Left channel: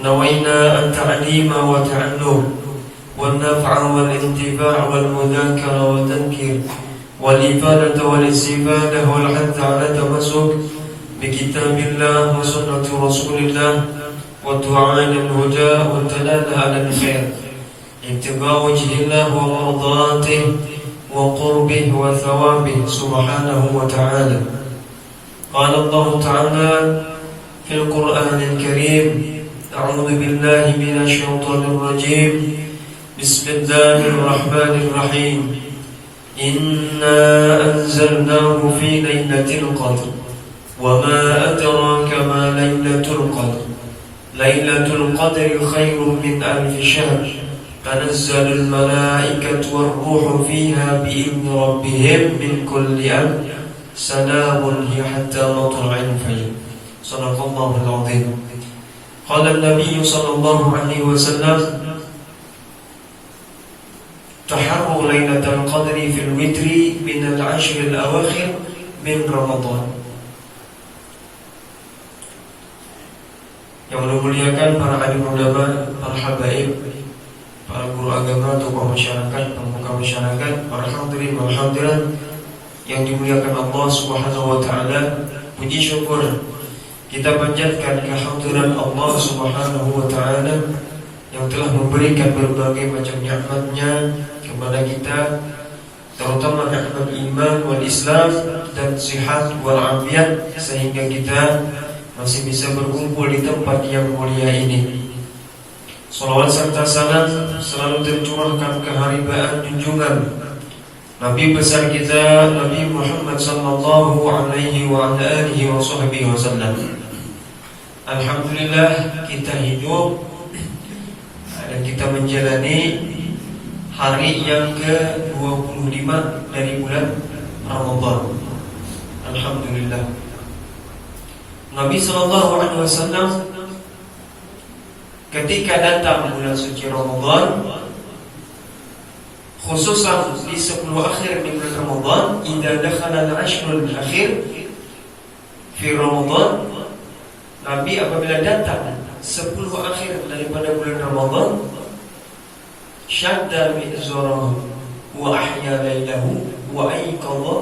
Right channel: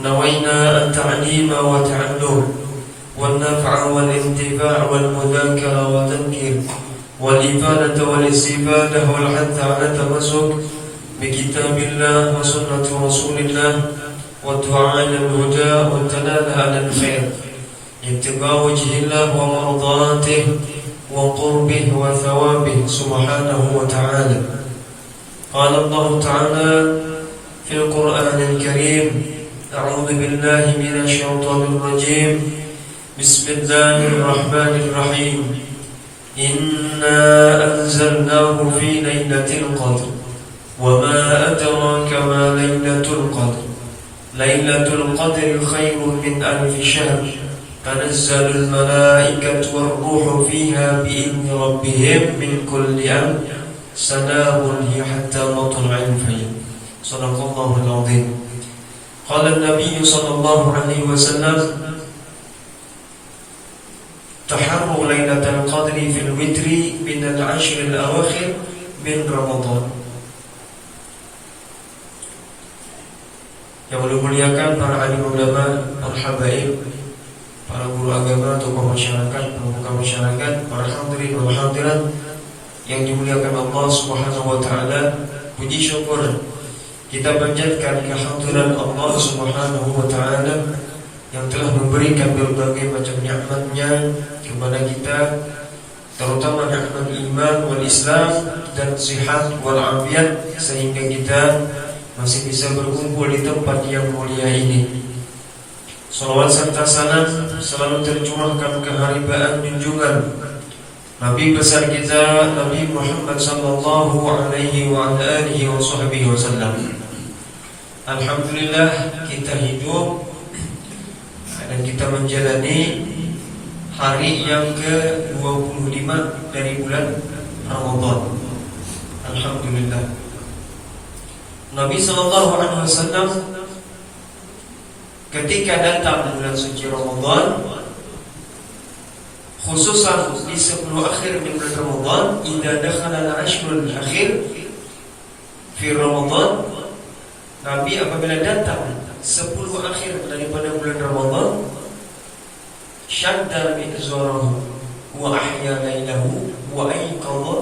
نوينا التعليم والتعلم والنفع والانتفاع والمذاكرة والتذكير والإفادة والاستفادة والحث على التمسك بكتاب الله وسنة رسول الله والدعاء إلى الهدى والدلالة على الخير ابتغاء وجه الله ومرضاته وقربه وثوابه سبحانه وتعالى. قال الله تعالى في القرآن الكريم: أعوذ بالله من الشيطان الرجيم. بسم الله الرحمن الرحيم. إنا أنزلناه في ليلة القدر وما أدراك ما ليلة القدر ليلة القدر خير من ألف شهر تنزل الملائكة والروح فيها بإذن ربهم من كل أمر سلام هي حتى مطلع الفجر. صدق الله العظيم. قال النبي صلى الله عليه وسلم: تحروا ليلة القدر في الوتر من العشر الأواخر من رمضان. Yang muliakan para alim ulama, para habaib, para guru agama, tokoh masyarakat, pemuka masyarakat, para hadirin wal hadirat yang dimuliakan Allah Subhanahu wa taala, puji syukur kita panjatkan kehadiran Allah Subhanahu wa taala yang telah memberikan berbagai macam nikmat-Nya kepada kita, terutama nikmat iman wal Islam dan sehat wal afiat, sehingga kita masih bisa berkumpul di tempat yang mulia ini. Salawat serta salam selalu tercurahkan ke haribaan junjungan Nabi besar kita, Nabi Muhammad sallallahu alaihi wa alihi wa sahbihi wasallam. Alhamdulillah, kita hidup dan kita menjalani hari yang ke-25 dari bulan Ramadan. Alhamdulillah. Nabi sallallahu alaihi wasallam ketika datang bulan suci Ramadan, khususan di 10 akhir di bulan Ramadan, idza dakhala al-ashrul akhir fi Ramadan, Nabi apabila datang 10 akhir daripada bulan Ramadan, syadda mi'zarahu wa ahya lailahu wa ayqadha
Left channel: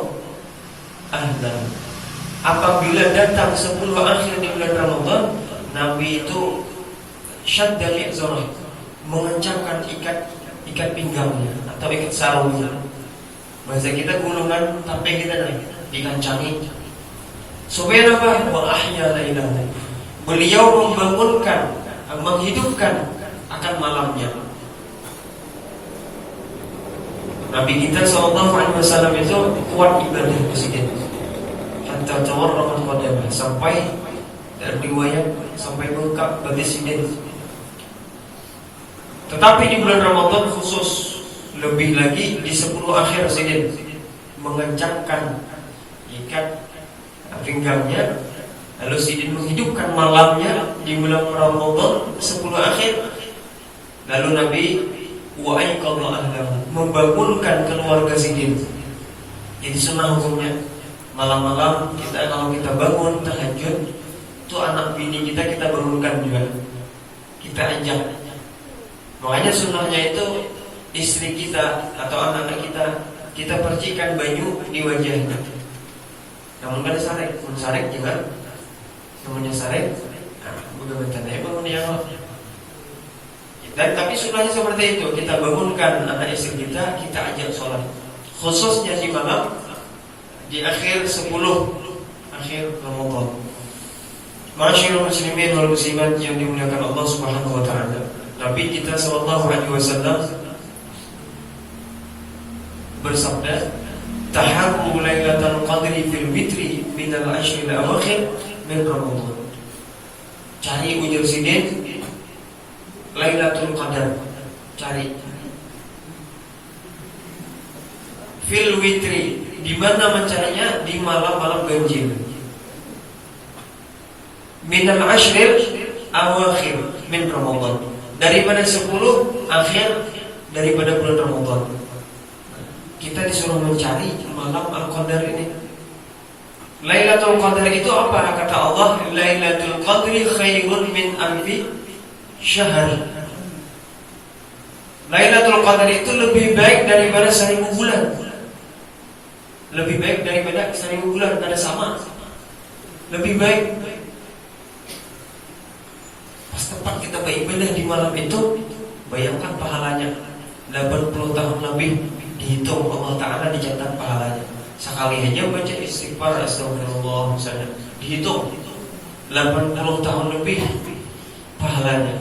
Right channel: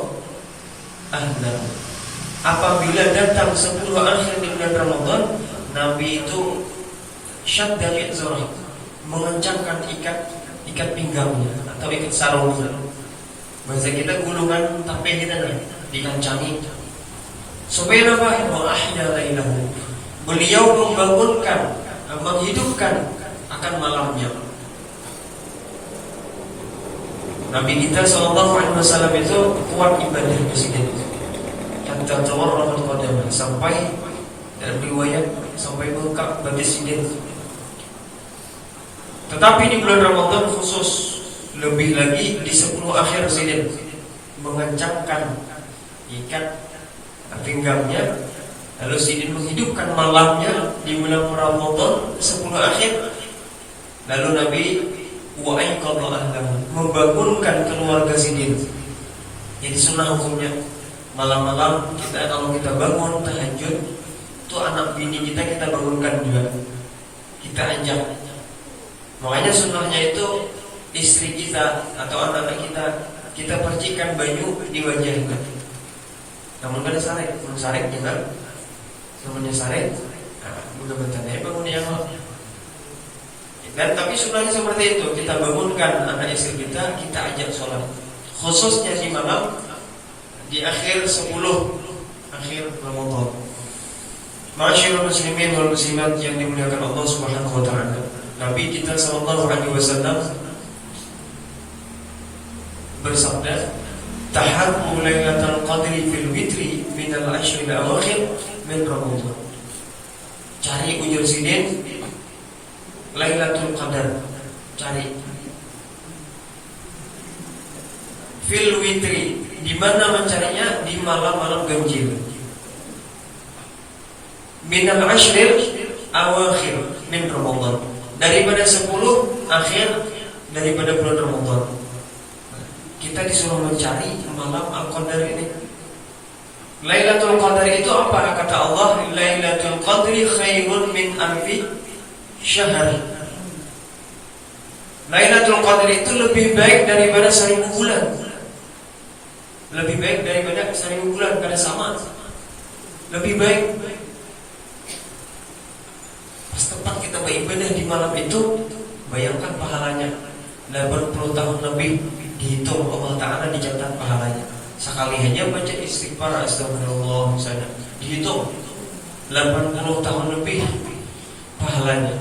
ahlahu. Apabila datang 10 akhir di bulan Ramadan, Nabi itu syadda mi'zarah, mengencangkan ikat pinggangnya atau ikat sarungnya. Bahasa kita gulungan tape kita dikencangi. Supaya apa? Wa ahya lailahu. Beliau membangunkan, menghidupkan akan malamnya. Nabi kita sallallahu alaihi wasallam itu kuat ibadahnya sedikit. Hatta tawarraqat qadamah, sampai dalam riwayat sampai bengkak bagian. Tetapi di bulan Ramadan khusus, lebih lagi di 10 akhir sidin, mengencangkan ikat pinggangnya, lalu sidin menghidupkan malamnya di bulan Ramadan 10 akhir. Lalu Nabi wa ayqadha ahlahu, membangunkan keluarga sidin. Jadi sunnah hukumnya malam-malam kita, kalau kita bangun tahajud, itu anak bini kita bangunkan juga, kita ajak. Makanya sunnahnya itu istri kita atau anak-anak kita percikan bayu di wajahnya. Namun kan sarek juga, semuanya sarek. Udah bencana ya bangun dia. Dan tapi sunnahnya seperti itu, kita bangunkan anak istri kita ajak sholat. Khususnya di malam, di akhir 10 akhir Ramadan. Ma'asyiral muslimin wal muslimat yang dimuliakan Allah Subhanahu wa taala. Nabi kita sallallahu alaihi wasallam bersabda, taharru lailatul qadri fil witri min al-ashr al-awakhir min Ramadan. Cari ujur sidin Lailatul Qadar, cari fil witri. Di mana mencarinya? Di malam-malam ganjil. Min al-ashr awakhir min Ramadan, daripada 10 akhir daripada bulan Ramadan. Kita disuruh mencari malam Al-Qadar ini. Lailatul Qadar itu apa? Kata Allah, Lailatul Qadri khairun min alfi syahr. Lailatul Qadar itu lebih baik daripada 1000 bulan. Lebih baik daripada 1000 bulan, kada sama. Lebih baik. Pas tepat kita beribadah di malam itu, bayangkan pahalanya 80 tahun lebih dihitung Allah Ta'ala, dicatat pahalanya. Sekali hanya baca istighfar astagfirullah misalnya, dihitung 80 tahun lebih pahalanya.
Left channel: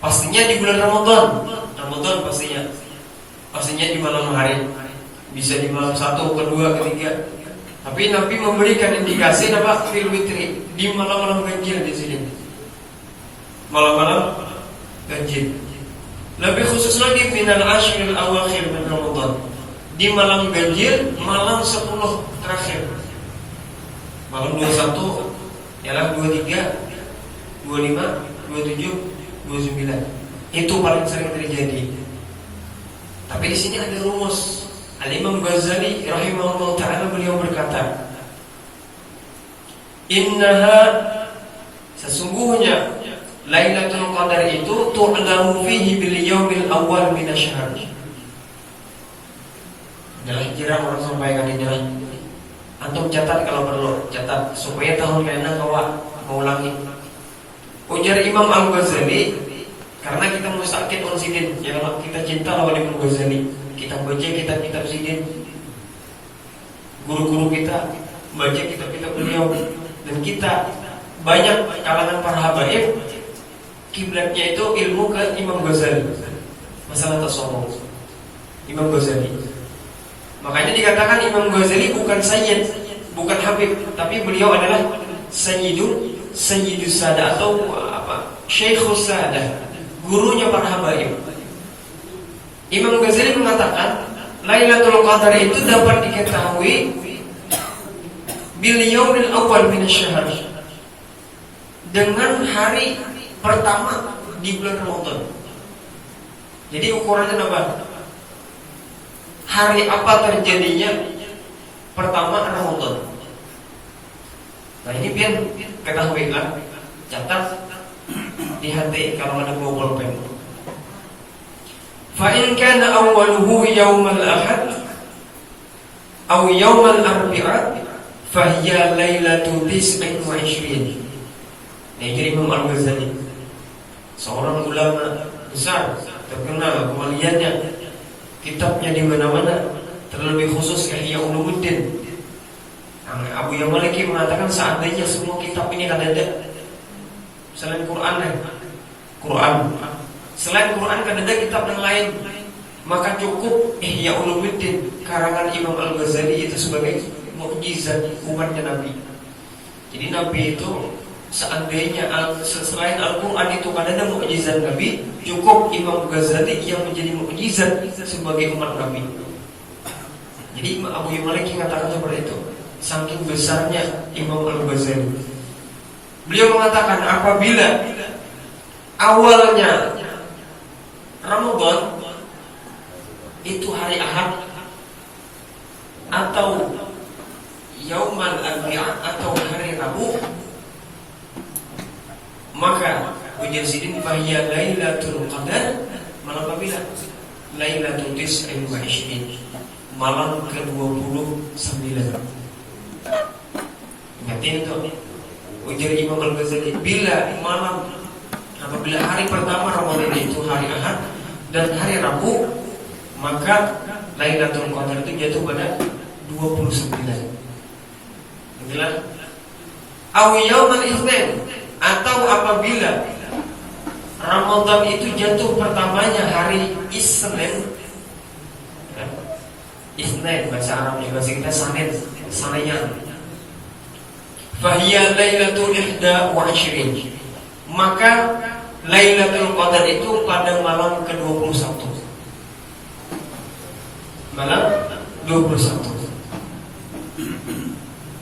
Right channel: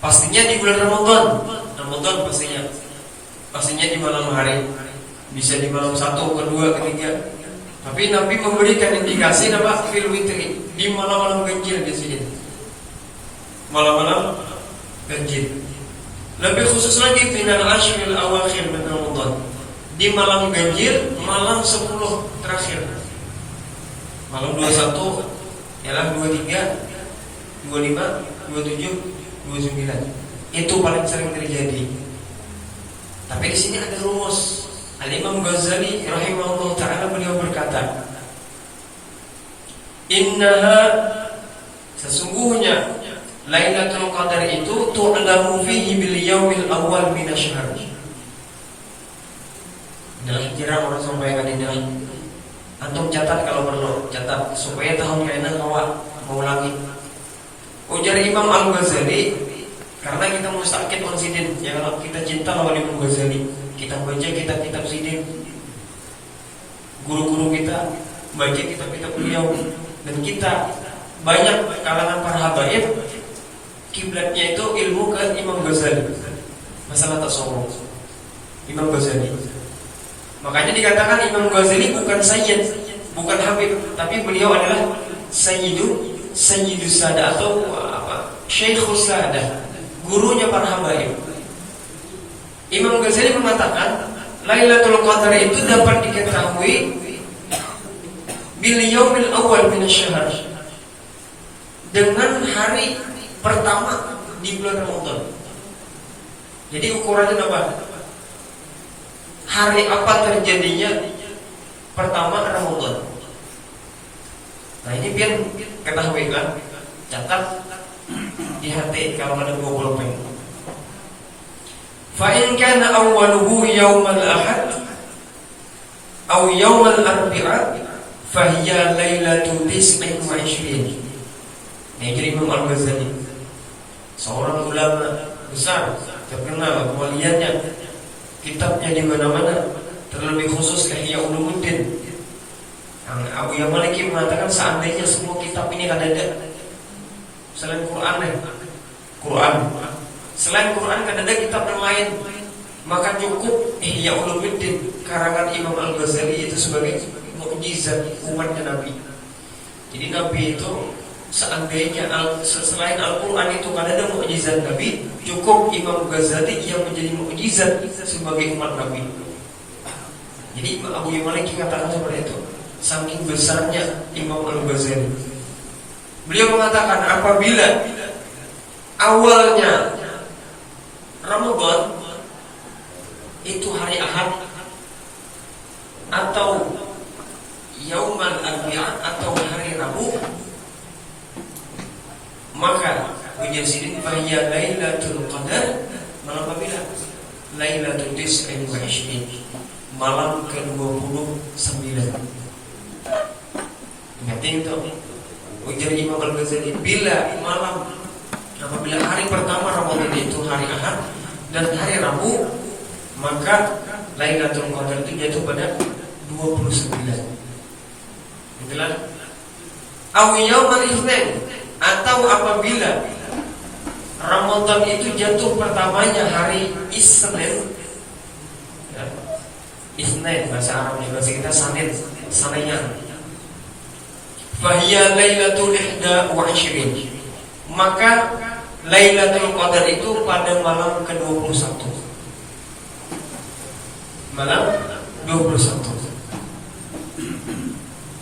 Pastinya di bulan Ramadan pastinya di malam hari, bisa di malam 1, kedua, ketiga. Tapi Nabi memberikan indikasi apa? Fil witri, di malam-malam ganjil di sini. Malam-malam ganjil. Lebih khusus lagi minal ashril awakhir min Ramadan. Di malam ganjil, malam 10 terakhir. Malam 21, ialah 23, 25, 27, 29. Itu paling sering terjadi. Tapi di sini ada rumus. Al-Imam Ghazali rahimahullah ta'ala, beliau berkata, innaha, sesungguhnya Lailatul Qadar itu tu'lamu fihi bil yaumil awal minasyahr. Adalah jarang orang sampaikan ini. Antum catat kalau perlu, catat supaya tahun kena bawa mengulangi. Ujar Imam Al-Ghazali, karena kita mustaqid konsidin, ya kalau kita cinta lawan Imam Ghazali, kita baca kitab-kitab sidin, guru-guru kita baca kitab-kitab beliau, dan kita banyak kalangan para habaib kiblatnya itu ilmu ke Imam Ghazali, masalah tasawuf. Imam Ghazali, makanya dikatakan Imam Ghazali bukan sayyid, bukan habib, tapi beliau adalah sayyidus sada atau apa, syekhus sada, gurunya para habaib. Imam Ghazali mengatakan Lailatul Qadar itu dapat diketahui bil yaumil awal minasyahr, dengan hari pertama di bulan Ramadan. Jadi ukurannya apa? Hari apa terjadinya pertama Ramadan. Nah ini biar ketahui lah, catat di hati kalau ada dua pulpen. Fa in kana awwaluhu yaumal ahad aw yaumal arbi'a fa hiya lailatul 29. Ini jadi Imam Al-Ghazali, seorang ulama besar, terkenal kewaliannya, kitabnya di mana-mana, terlebih khusus Ihya Ulumuddin. Abu Yamaliki mengatakan seandainya semua kitab ini ada selain Quran, selain Quran kan ada kitab yang lain, maka cukup Ihya Ulumuddin karangan Imam Al-Ghazali itu sebagai mukjizat umatnya Nabi. Jadi Nabi itu seandainya selain Al-Quran itu kan ada mukjizat Nabi, cukup Imam Ghazali yang menjadi mukjizat sebagai umat Nabi. Jadi Abu Yamaliki katakan seperti itu, saking besarnya Imam Al-Ghazali. Beliau mengatakan apabila awalnya Ramadan itu hari Ahad atau Yaumal Arbi'ah atau hari Rabu, maka Mujasidin fahiya Lailatul Qadar, malam apabila Lailatul 29, malam ke-29. Berarti itu ujar Imam Al-Ghazali, bila malam apabila hari pertama Ramadan itu hari Ahad dan hari Rabu, maka Lailatul Qadar itu jatuh pada 29. Itulah aw yaumal itsnain, atau apabila Ramadan itu jatuh pertamanya hari Isnin, Isnin bahasa Arabnya, bahasa kita Senin, fahiya Lailatul 21, maka Lailatul Qadar itu pada malam ke-21. Malam 21.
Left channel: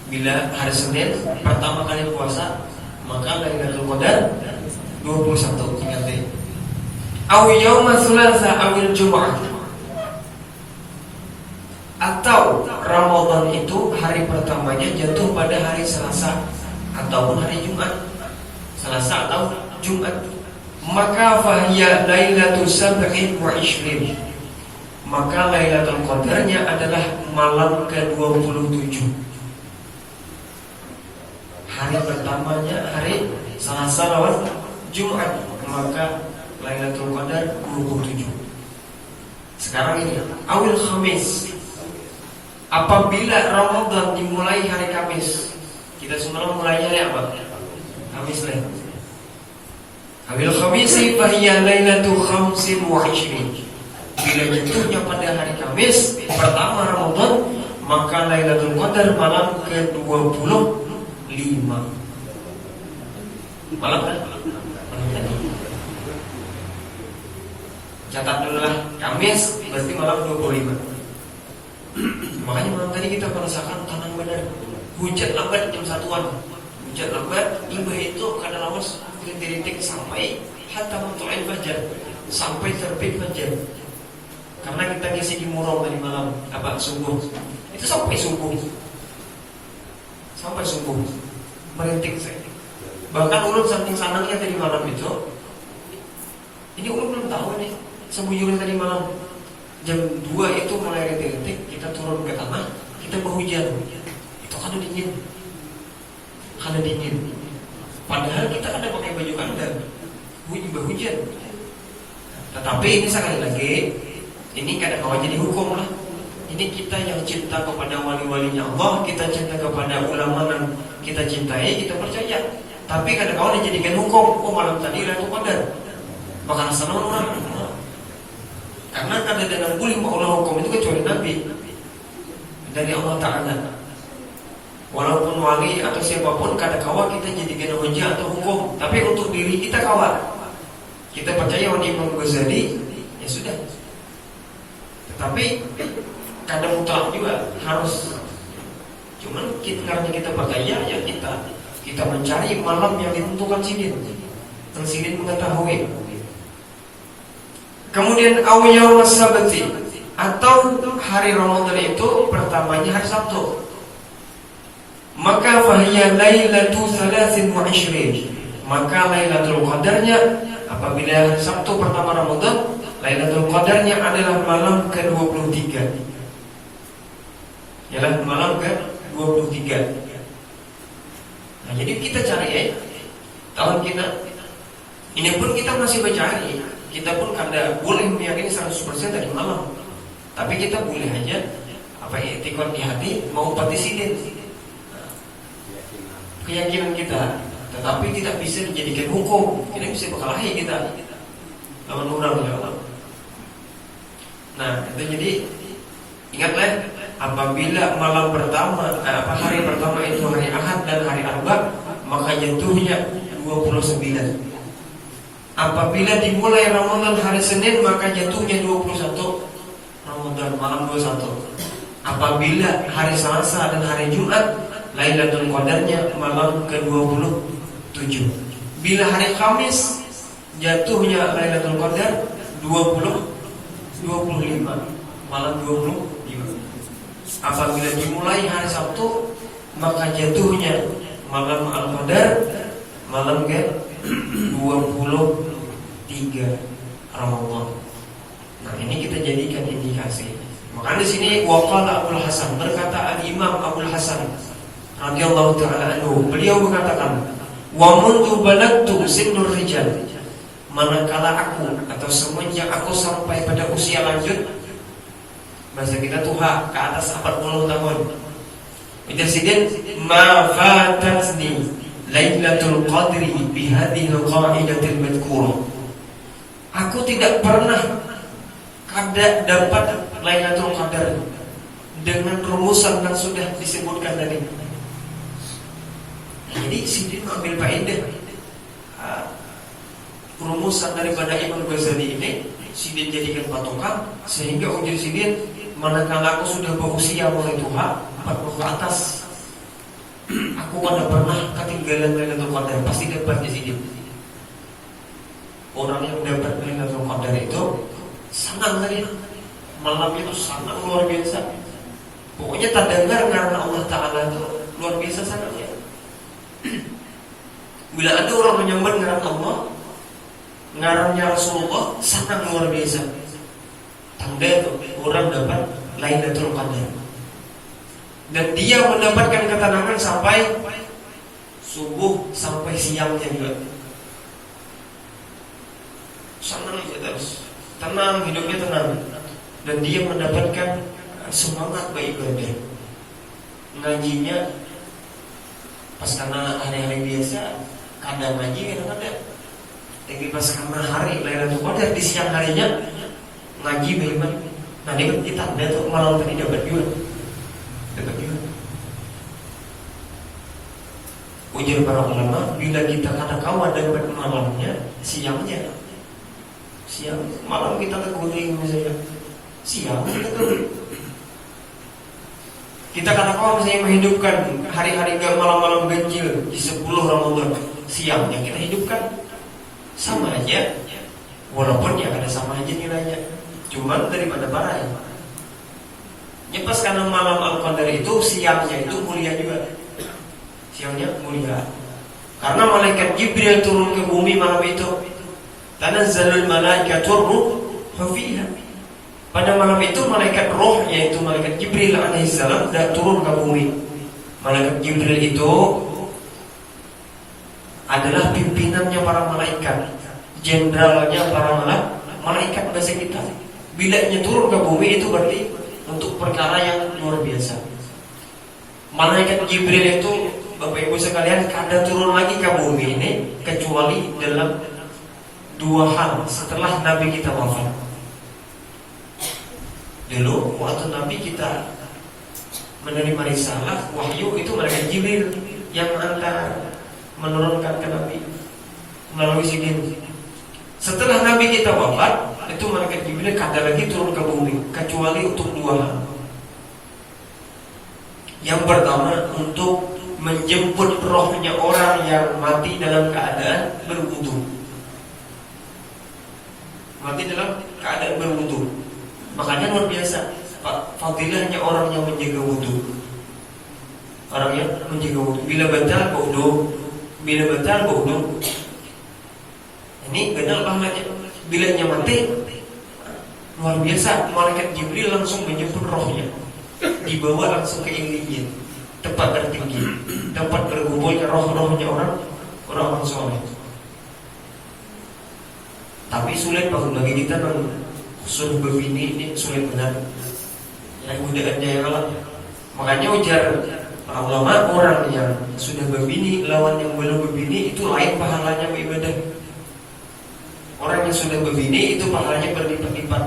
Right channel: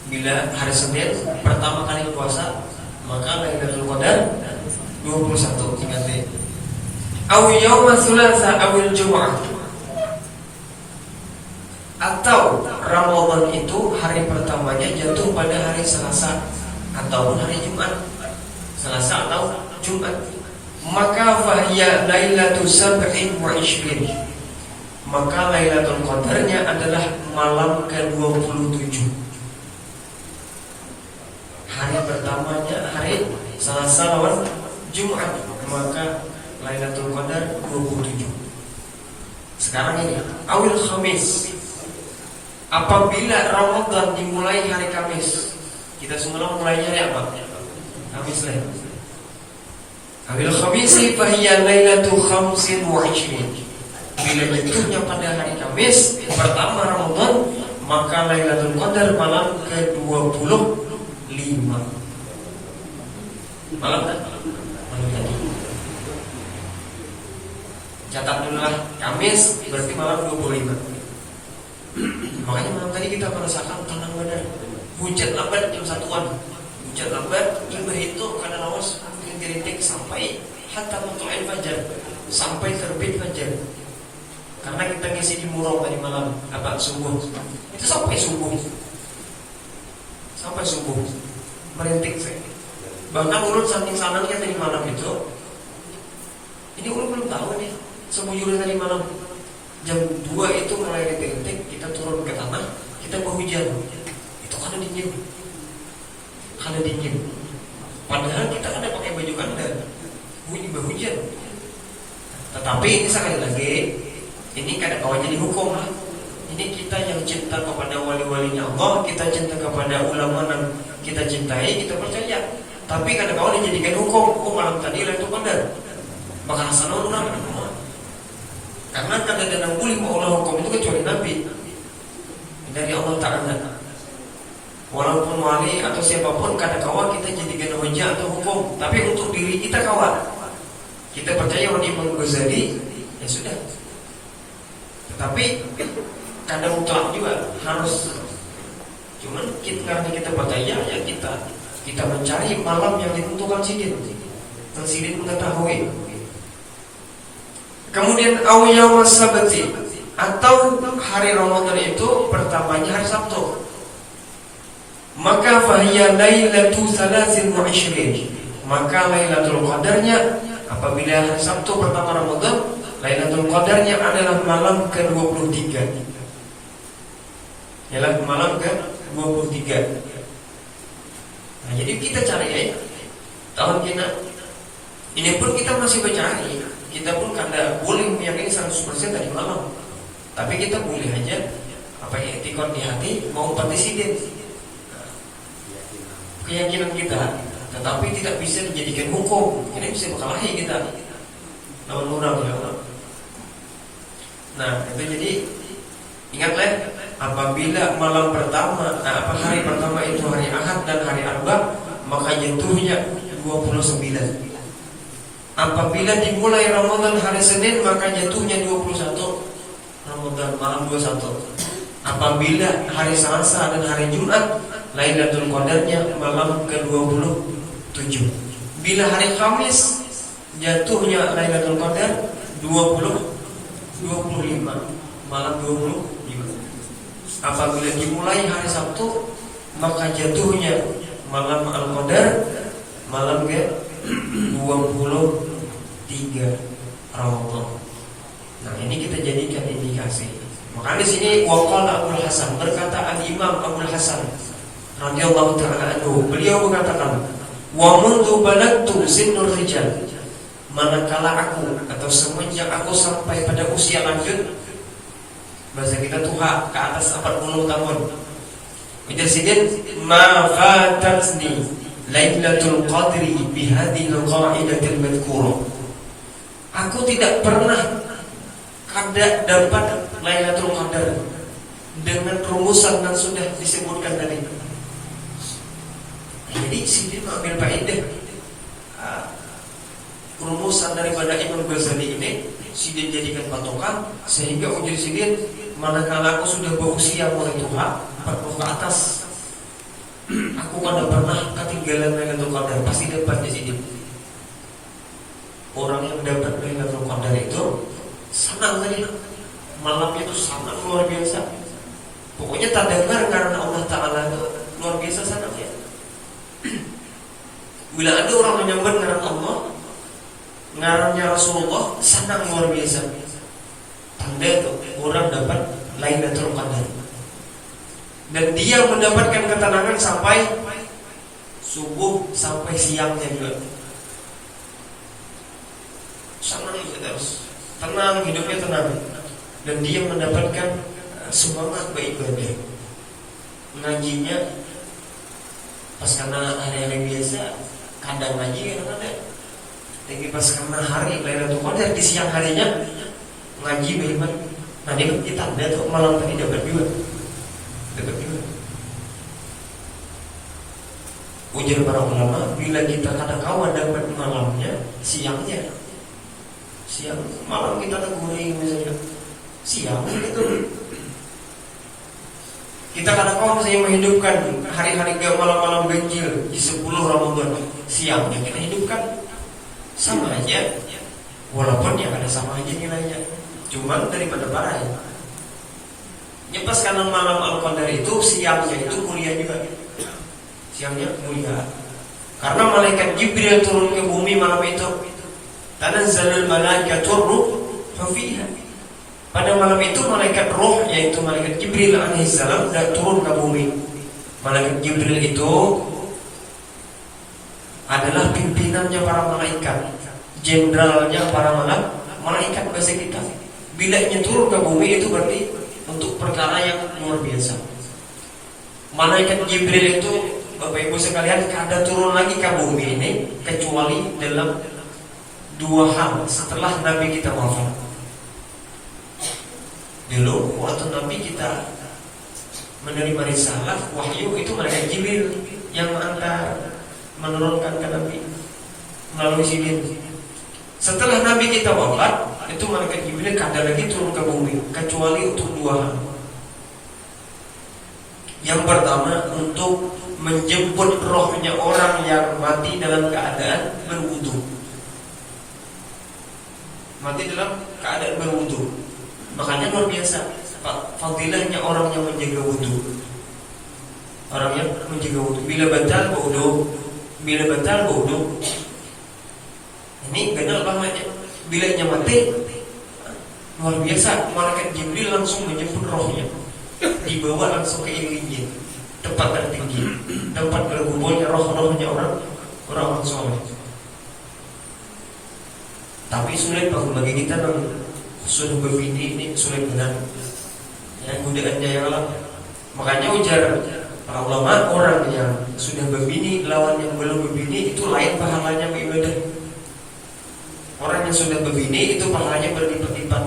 Bila hari Senin pertama kali puasa, maka Lailatul Qadar 21 diganti. Aw yaum Tsulatsa awil Jumu'ah, atau Ramadan itu hari pertamanya jatuh pada hari Selasa ataupun hari Jumat, Selasa atau Jumat, maka fahiya lailatul sab'in wa ishrin, maka Lailatul Qadarnya adalah malam ke-27. Hari pertamanya hari Selasa lawan Jumat, maka Lailatul Qadar 27. Sekarang ini awil Khamis, apabila Ramadan dimulai hari Kamis, kita semua mulainya hari apa? Kamis lah. Awil Khamisi fahiya lailatul khamsin wa ishrin, bila jatuhnya pada hari Kamis pertama Ramadan, maka Lailatul Qadar malam ke-25. Malam kan? Catat dulu lah, Kamis berarti malam 25. Makanya malam tadi kita merasakan tenang benar. Hujan lambat jam 1-an. Hujan lambat imbah itu karena lawas titik sampai hatta mutla'il fajar, sampai terbit fajar. Karena kita ngisi di murau tadi malam subuh. Itu sampai subuh. Sampai subuh. Merintik saya. Bahkan ulun saking sanangnya tadi malam itu. Ini ulun belum tahu nih. Sembunyi tadi malam jam 2 itu mulai rintik-rintik, kita turun ke tanah, kita berhujan. Itu karena dingin. Karena dingin. Padahal kita ada pakai baju kandang, berhujan. Tetapi ini sekali lagi, ini kadang kawan jadi hukum lah. Ini kita yang cinta kepada wali-walinya Allah, kita cinta kepada ulama yang kita cintai, kita percaya. Tapi kadang kawan dijadikan hukum. Oh, malam tadi Lailatul Qadar, maka asal orang. Karena kadang-kadang boleh Allah hukum itu kecuali Nabi dari Allah Ta'ala. Walaupun wali atau siapapun kadang-kadang kita jadikan hujah atau hukum, tapi untuk diri kita kawan. Kita percaya orang Imam Ghazali, ya sudah. Tetapi kadang mutlak juga harus. Cuman karena kita percaya, ya kita mencari malam yang ditentukan sidin, dan sidin mengetahui. Kemudian awal sabti, atau hari Ramadan itu pertamanya hari Sabtu, maka fahiya lailatul salasin wa ishrin, maka Lailatul Qadarnya apabila hari Sabtu pertama Ramadan, Lailatul Qadarnya adalah malam ke-23. Ialah malam ke-23. Nah, jadi kita cari ya, tahun kita ini pun kita masih mencari. Kita pun kada boleh meyakini 100% dari malam, tapi kita boleh aja etikot di hati mau partisipasi keyakinan kita, tetapi tidak bisa dijadikan hukum. Kita bisa berkelahi kita lawan orang ya. Nah, itu jadi ingatlah, apabila malam pertama hari pertama itu hari Ahad dan hari Arba, maka jatuhnya 29. Apabila dimulai Ramadan hari Senin, maka jatuhnya 21 Ramadan malam 21. Apabila hari Selasa dan hari Jumat, Lailatul Qadarnya malam ke-27. Bila hari Kamis, jatuhnya Lailatul Qadar 25 malam 25. Apabila dimulai hari Sabtu, maka jatuhnya malam Al-Qadar malam ke-23 Ramadan. Nah, ini kita jadikan indikasi. Maka di sini waqala Abdul Hasan, berkata Al-Imam Abdul Hasan radhiyallahu taala anhu, beliau mengatakan, wa mundu balagtu sinnur rijal, manakala aku atau semenjak aku sampai pada usia lanjut, bahasa kita tua ke atas 40 tahun, Bidasiden ma fatatni Lailatul Qadri bihadhihi al-qa'idatil madhkurah. Aku tidak pernah dapat Lailatul Qadar dengan rumusan yang sudah disebutkan tadi. Jadi sini ambil faedah rumusan daripada Imam Ghazali ini, sidin jadikan patokan sehingga ujung sidin manakala aku sudah berusia mulai tua 40 ke atas, aku pada pernah ketinggalan Lailatul Qadar, pasti dapat di sini. Orang yang dapat Lailatul Qadar itu senang tadi, malamnya itu sangat luar biasa. Pokoknya tak dengar karena Allah Ta'ala itu luar biasa sangatnya. Bila ada orang menyambat ngaran Allah, ngarannya Rasulullah, sangat luar biasa. Tanda itu orang dapat Lailatul Qadar. Dan dia mendapatkan ketenangan sampai subuh, sampai siangnya juga. Senang aja terus, tenang, hidupnya tenang. Dan dia mendapatkan semangat beribadah. Ngajinya pas karena hari-hari biasa kadang ngaji kadang-kadang. Tapi pas karena hari Lailatul Qadar di siang harinya ngaji beribadah. Nah dia ditambah tuh malam tadi dapat juga. Ujar para ulama, bila kita kada kawan dapat malamnya, siangnya. Siang, malam kita terguling misalnya. Siang kita terguling. Kita kadang-kadang misalnya menghidupkan hari-hari malam-malam ganjil di 10 Ramadan, siangnya kita hidupkan sama aja, walaupun ya ada sama aja nilainya, cuma daripada barat. Pas karena malam Al-Qadar itu siangnya itu mulia juga, siangnya mulia, karena malaikat Jibril turun ke bumi malam itu, tanazzalul malaikatur ruh fiha. Pada malam itu malaikat roh, yaitu malaikat Jibril alaihissalam, dah turun ke bumi. Malaikat Jibril itu adalah pimpinannya para malaikat, jenderalnya para malaikat bahasa kita. Bila dia turun ke bumi itu berarti untuk perkara yang luar biasa. Malaikat Jibril itu, Bapak Ibu sekalian, kada turun lagi ke bumi ini kecuali dalam 2 hal setelah Nabi kita wafat. Dulu waktu Nabi kita menerima risalah wahyu, itu malaikat Jibril yang menurunkan ke Nabi melalui sidin. Setelah Nabi kita wafat, itu malaikat Jibril kada lagi turun ke bumi kecuali untuk 2 hal. Yang pertama, untuk menjemput rohnya orang yang mati dalam keadaan berwudu. Mati dalam keadaan berwudu. Makanya luar biasa fadilahnya orang yang menjaga wudu. Orang yang menjaga wudu, bila batal wudu, ini benar pahalanya. Bila dia mati, luar biasa, malaikat Jibril langsung menjemput rohnya, dibawa langsung ke Illiyin, tempat tertinggi, tempat berkumpulnya roh-rohnya orang soleh. Tapi sulit bagi kita sudah berbini, ini sulit benar. Yang godaannya yang lain. Makanya ujar para ulama, orang yang sudah berbini lawan yang belum berbini itu lain pahalanya beribadah. Orang yang sudah berbini itu pahalanya berlipat-lipat.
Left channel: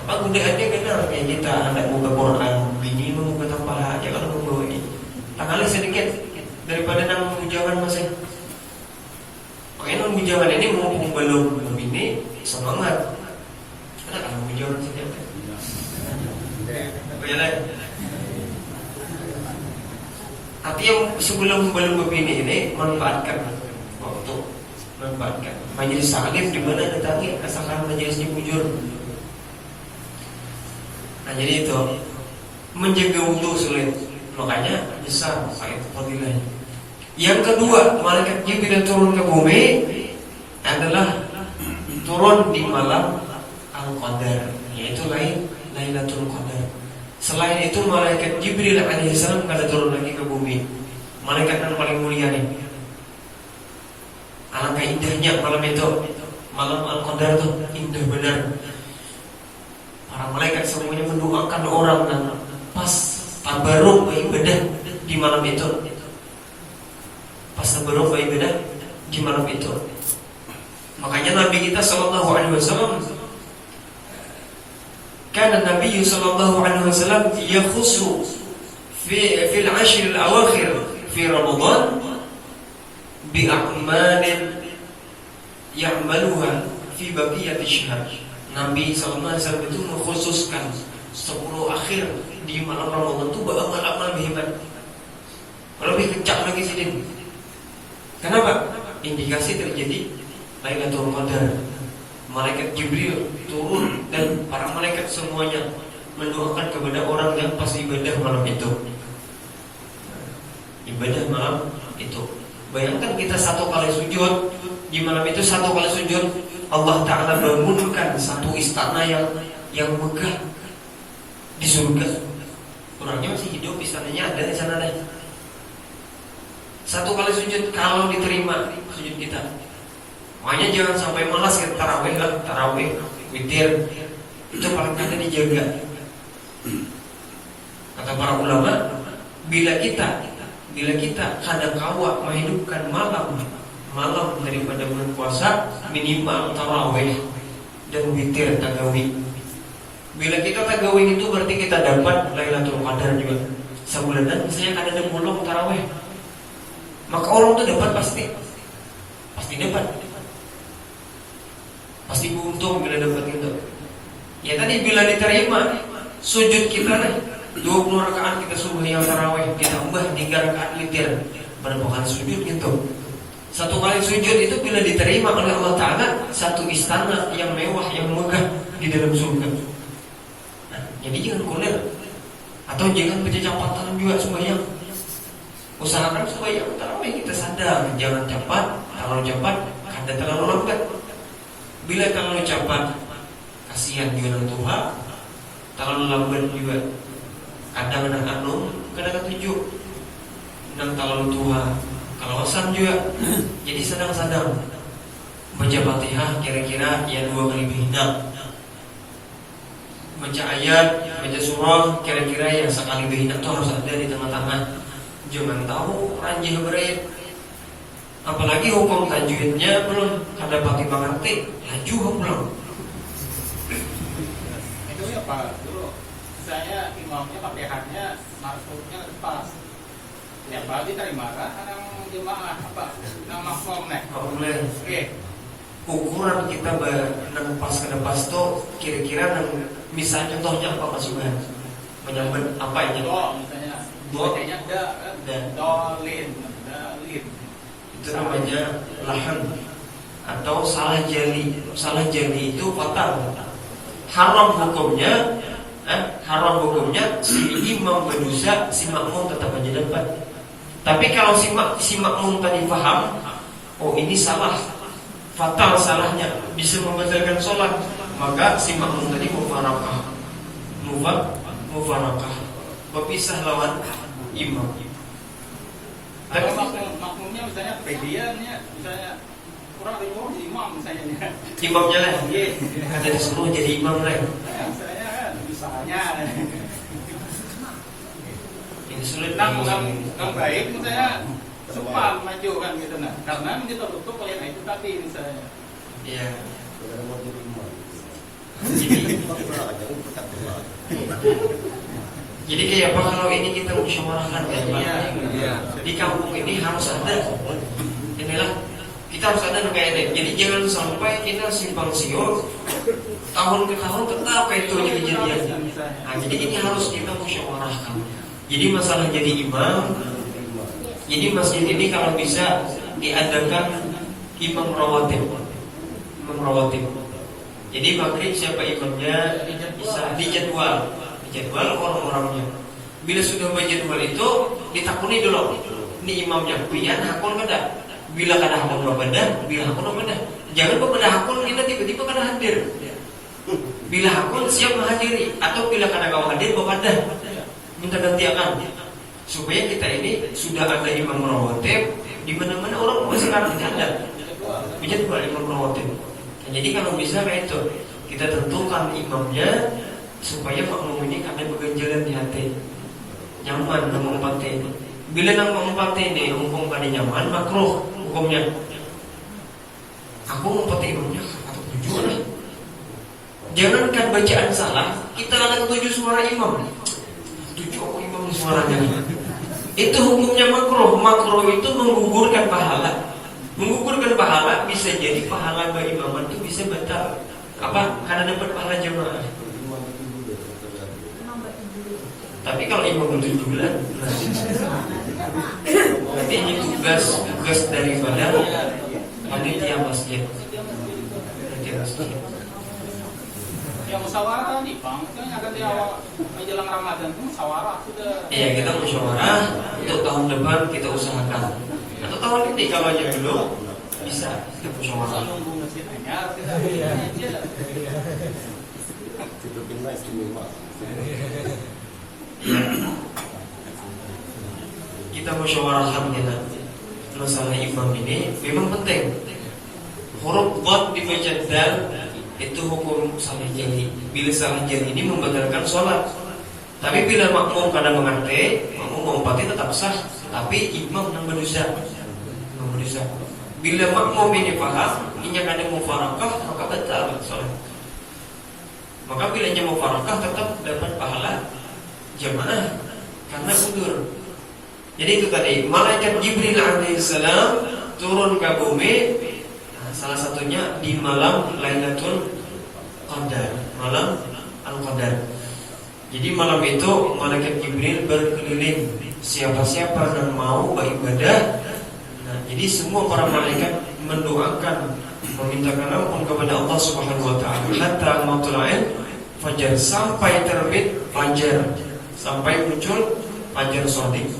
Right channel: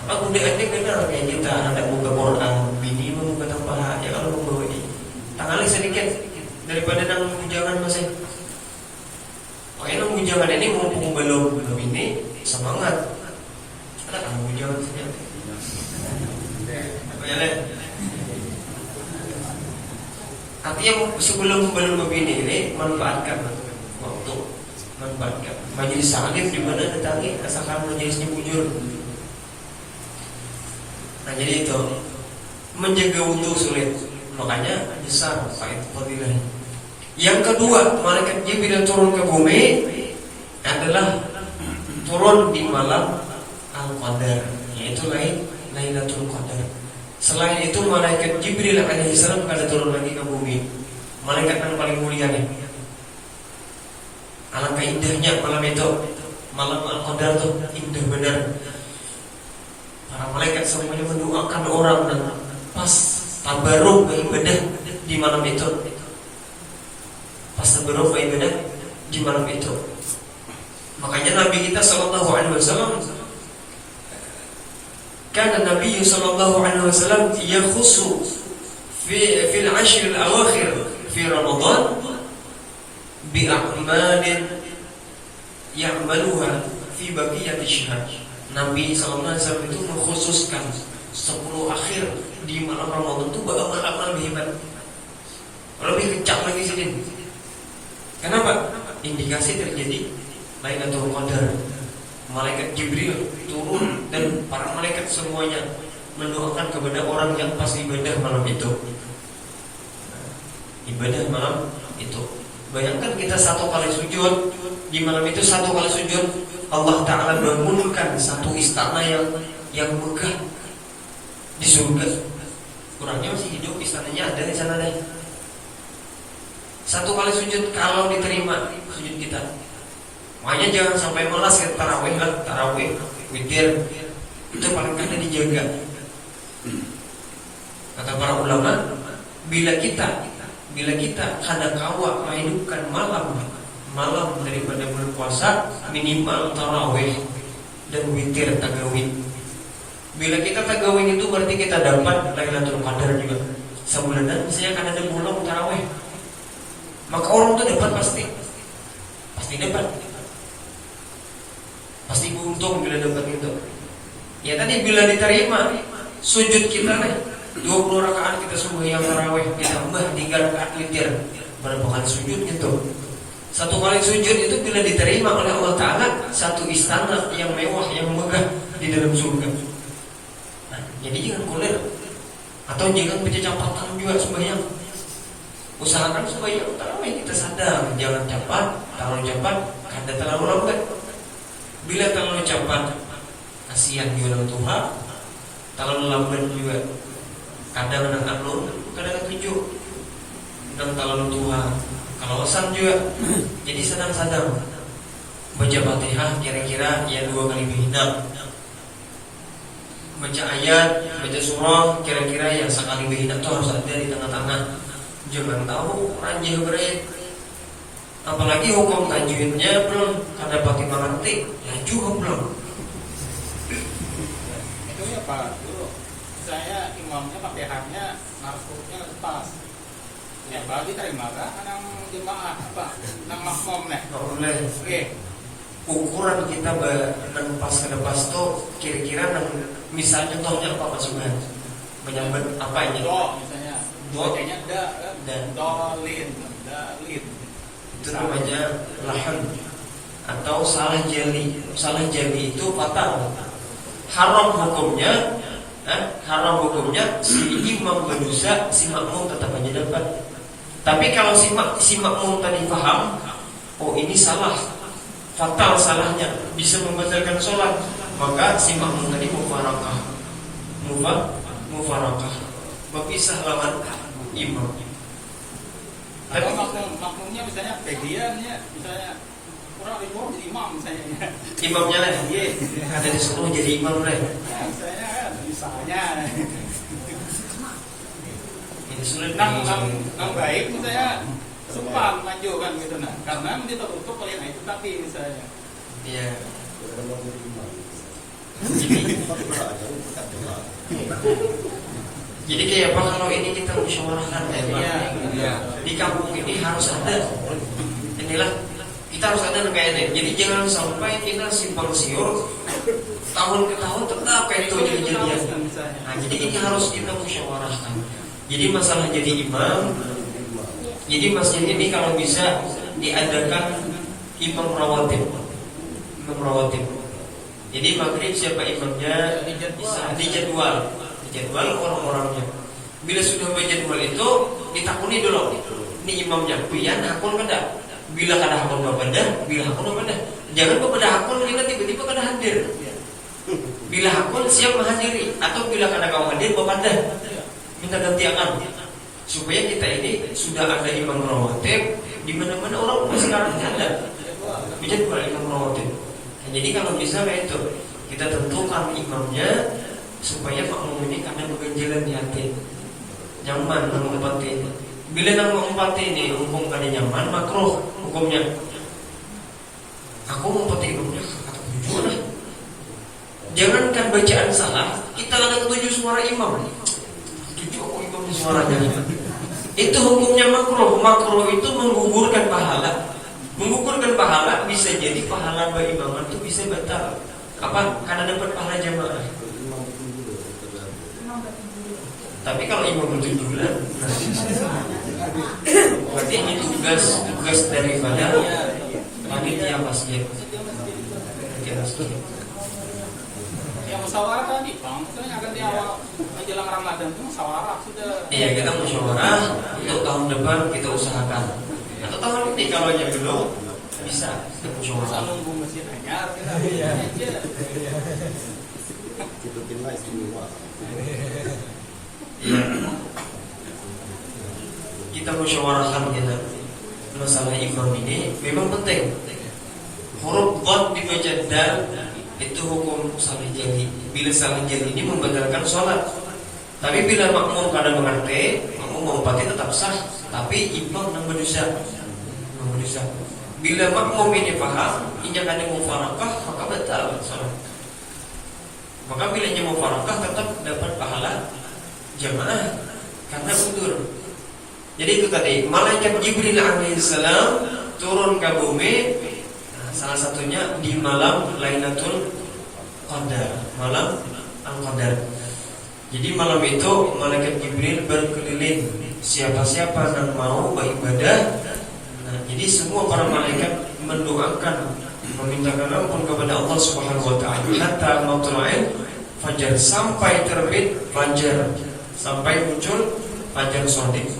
Apa godaannya benar kayak kita ada buka Quran, bini itu kata pahala aja kalau mau ini. Tangannya sedikit daripada nang bujangan masih. Makanya nang bujangan ini mumpung belum berbini semangat. Ada kamu bujangan saja. Tapi yang sebelum berbini ini manfaatkan waktu, manfaatkan majelis salim di mana datangi asalkan majelisnya bujur. Nah jadi itu menjaga wudu sulit, makanya besar fadilah. Yang kedua, malaikat Jibril turun ke bumi adalah turun di malam Al-Qadar, yaitu Lailatul Qadar. Selain itu malaikat Jibril alaihissalam kada turun lagi ke bumi. Malaikat yang paling mulia nih. Alangkah indahnya malam itu, malam Al-Qadar tuh indah benar. Para malaikat semuanya mendoakan orang dan pas tabarruk beribadah di malam itu. Pas tabarruk beribadah di malam itu. Makanya Nabi kita sallallahu alaihi wasallam, karena Nabi sallallahu alaihi wasallam yakhussu fi al-ashr al-awakhir fi Ramadan bi a'malin ya'maluha fi baqiyati syahr. Nabi sallallahu alaihi wasallam itu mengkhususkan 10 akhir di malam Ramadan itu beramal-amal hebat. Lebih kencang lagi sini. Kenapa? Indikasi terjadi Lailatul Qadar. Malaikat Jibril turun dan para malaikat semuanya mendoakan kepada orang yang pas ibadah malam itu. Ibadah malam itu. Bayangkan kita 1 kali sujud di malam itu, 1 kali sujud Allah Ta'ala bangunkan satu istana yang megah di surga. Orangnya masih hidup, istananya ada di sana deh. 1 kali sujud kalau diterima sujud kita. Makanya jangan sampai malas kita tarawih, witir itu paling tidak dijaga. Kata para ulama, bila kita kadang-kala menghidupkan malam daripada bulan puasa, minimal tarawih dan witir tagawin. Bila kita tagawin itu berarti kita dapat Lailatul Qadar juga. Sebulanan misalnya kada 60 tarawih, maka orang itu dapat pasti dapat. Pasti untung bila dapat itu. Ya tadi bila diterima sujud kita 20 rakaat kita subuh yang tarawih, ditambah 3 rakaat witir, berapa kali sujud gitu. 1 kali sujud itu bila diterima oleh Allah Ta'ala, satu istana yang mewah, yang megah di dalam surga. Nah, jadi jangan kulir, atau jangan bercepat juga sembahyang. Usahakan supaya tarawih kita sadar, jangan cepat, terlalu cepat, kada terlalu lambat. Bila terlalu cepat, kasihan juga Tuhan. Terlalu lambat juga kadang-kadang ketujuh, dan terlalu tua kawasan juga. Jadi sedang-sedang baca Fatihah kira-kira ya 2 kali berhina, baca ayat, baca surah kira-kira yang sekali berhina itu harus ada di tengah-tengah. Jangan tahu ranjih berat. Apalagi hukum tajwidnya belum ada pati mengerti, laju belum. Itu ya Pak Guru, saya imamnya Fatihahnya harus hurufnya pas. Ya berarti terima kah nang jemaah apa? Nang makmum nih. Boleh. Oke. Ukuran kita nang pas ke depan itu kira-kira nang misalnya contohnya apa masukan? Menyambut apa ini? Do misalnya. Bacanya da kan? Dolin. Itu namanya lahan atau salah jali. Salah jali itu fatal. Haram hukumnya si imam berdosa, si makmum tetap aja dapat. Tapi kalau si makmum tadi paham, oh ini salah, fatal salahnya, bisa membatalkan sholat, maka si makmum tadi mufarakah, berpisah lawan imam. Tapi makmumnya misalnya kejadiannya, misalnya kurang diurus imam misalnya. Imamnya lah, jadi 10 jadi imam lah. Misalnya kan, misalnya. Ini sulit. Nang baik misalnya sempat maju kan gitu nah, karena ditutup oleh itu kaki misalnya. Iya. Jadi kayak apa kalau ini kita musyawarahkan ya? Iya. Di kampung ini harus ada. Inilah kita harus ada kayak ini. Jadi jangan sampai kita simpang siur tahun ke tahun tetap kayak itu aja kejadian. Nah, jadi ini harus kita musyawarahkan. Jadi masalah jadi imam, jadi masjid ini kalau bisa diadakan imam rawatib. Jadi maghrib siapa imamnya bisa dijadwal orang-orangnya. Bila sudah berjadwal itu ditakuni dulu. Ini imamnya, pian hakul kada. Bila kada hakul babadah, bila hakul babadah. Jangan babadah hakul kita tiba-tiba kada hadir. Bila hakul siap menghadiri atau bila kada kau hadir babadah. Minta gantian supaya kita ini sudah ada imam rawatib di mana-mana orang sekarang ada dijadwal imam rawatib. Jadi kalau bisa kayak itu kita tentukan imamnya supaya makmum ini kada berganjalan di hati, nyaman mengumpati. Bila nang mengumpati ini hukum kada nyaman makruh hukumnya. Aku ngumpati imamnya kata tujuh lah. Jangankan bacaan salah, kita ada ketujuh suara imam. Suaranya. Itu hukumnya makruh itu menggugurkan pahala. Menggugurkan pahala bisa jadi pahala bagi imam itu bisa batal. Apa? Karena dapat pahala jemaah. Tapi kalau imam bertujuh bulan, berarti ini tugas daripada panitia masjid. Yang musyawarah nih, bang, itu yang akan dia menjelang Ramadan itu musyawarah sudah. Iya, kita musyawarah untuk tahun depan kita usahakan. Atau tahun ini kalau aja belum bisa kita musyawarah. Masa nunggu mesin anyar kita aja. Iya. Kita musyawarahkan kita masalah imam ini memang penting. Huruf dhat dibaca dal itu hukum salah jari. Bila salah jari ini membatalkan sholat. Tapi bila makmum kadang mengerti, makmum pasti tetap sah. Tapi imam yang berdosa. Bila makmum ini paham, ini ada mufarakah, maka batal sholat. Maka bila nya mufarakah tetap dapat pahala jamaah karena udur. Jadi itu tadi malaikat Jibril alaihissalam turun ke bumi. Salah satunya di malam Lailatul Qadar, malam Al-Qadar. Jadi malam itu malaikat Jibril berkeliling siapa-siapa yang mau beribadah. Nah, jadi semua para malaikat mendoakan, memintakan ampun kepada Allah Subhanahu wa taala hatta matla'il fajar, sampai terbit fajar, sampai muncul fajar shadiq.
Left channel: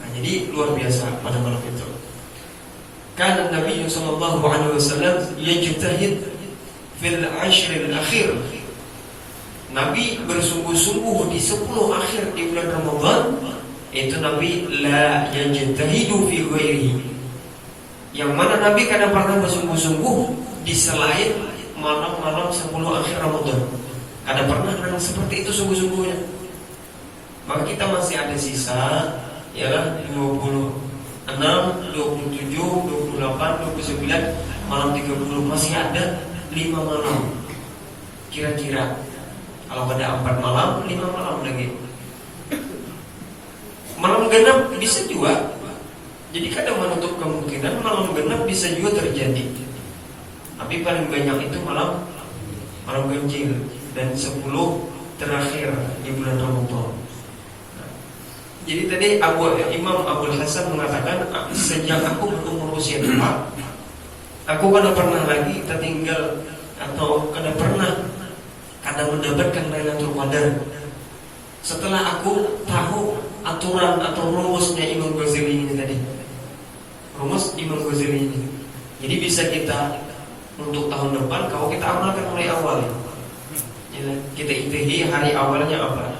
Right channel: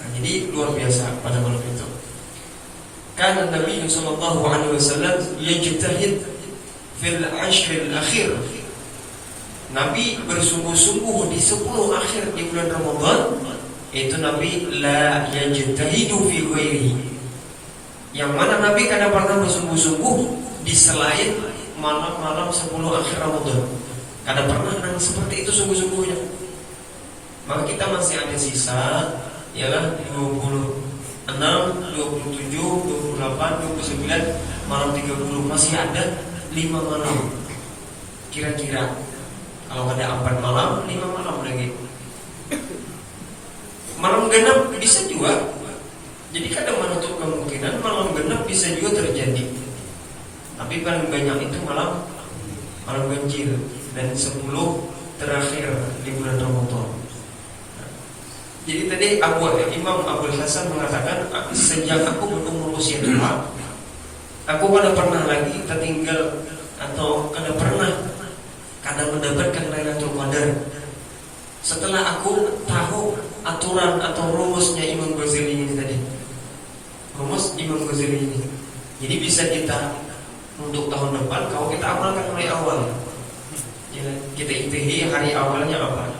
Nah, jadi luar biasa pada malam itu. Karena Nabi sallallahu alaihi wasallam yajtahid fil ashr al-akhir. Nabi bersungguh-sungguh di 10 akhir di bulan Ramadan. Itu Nabi la yajtahidu fi ghairihi. Yang mana Nabi kadang pernah bersungguh-sungguh di selain malam-malam 10 akhir Ramadan. Kadang pernah yang seperti itu sungguh-sungguhnya. Maka kita masih ada sisa ialah 26, 27, 28, 29, malam 30, masih ada 5 malam. Kira-kira kalau ada 4 malam, 5 malam lagi. Malam genap bisa juga. Jadi kadang menutup kemungkinan malam genap bisa juga terjadi. Tapi paling banyak itu malam ganjil dan 10 terakhir di bulan Ramadan. Jadi tadi Imam Abdul Hasan mengatakan, sejak aku berumur usia 5, aku kadang pernah lagi tertinggal atau kadang mendapatkan Lailatul Qadar. Setelah aku tahu aturan atau rumusnya Imam Ghazali ini tadi, rumus Imam Ghazali ini. Jadi bisa kita untuk tahun depan kalau kita amalkan mulai awal, kita ikuti hari awalnya apa.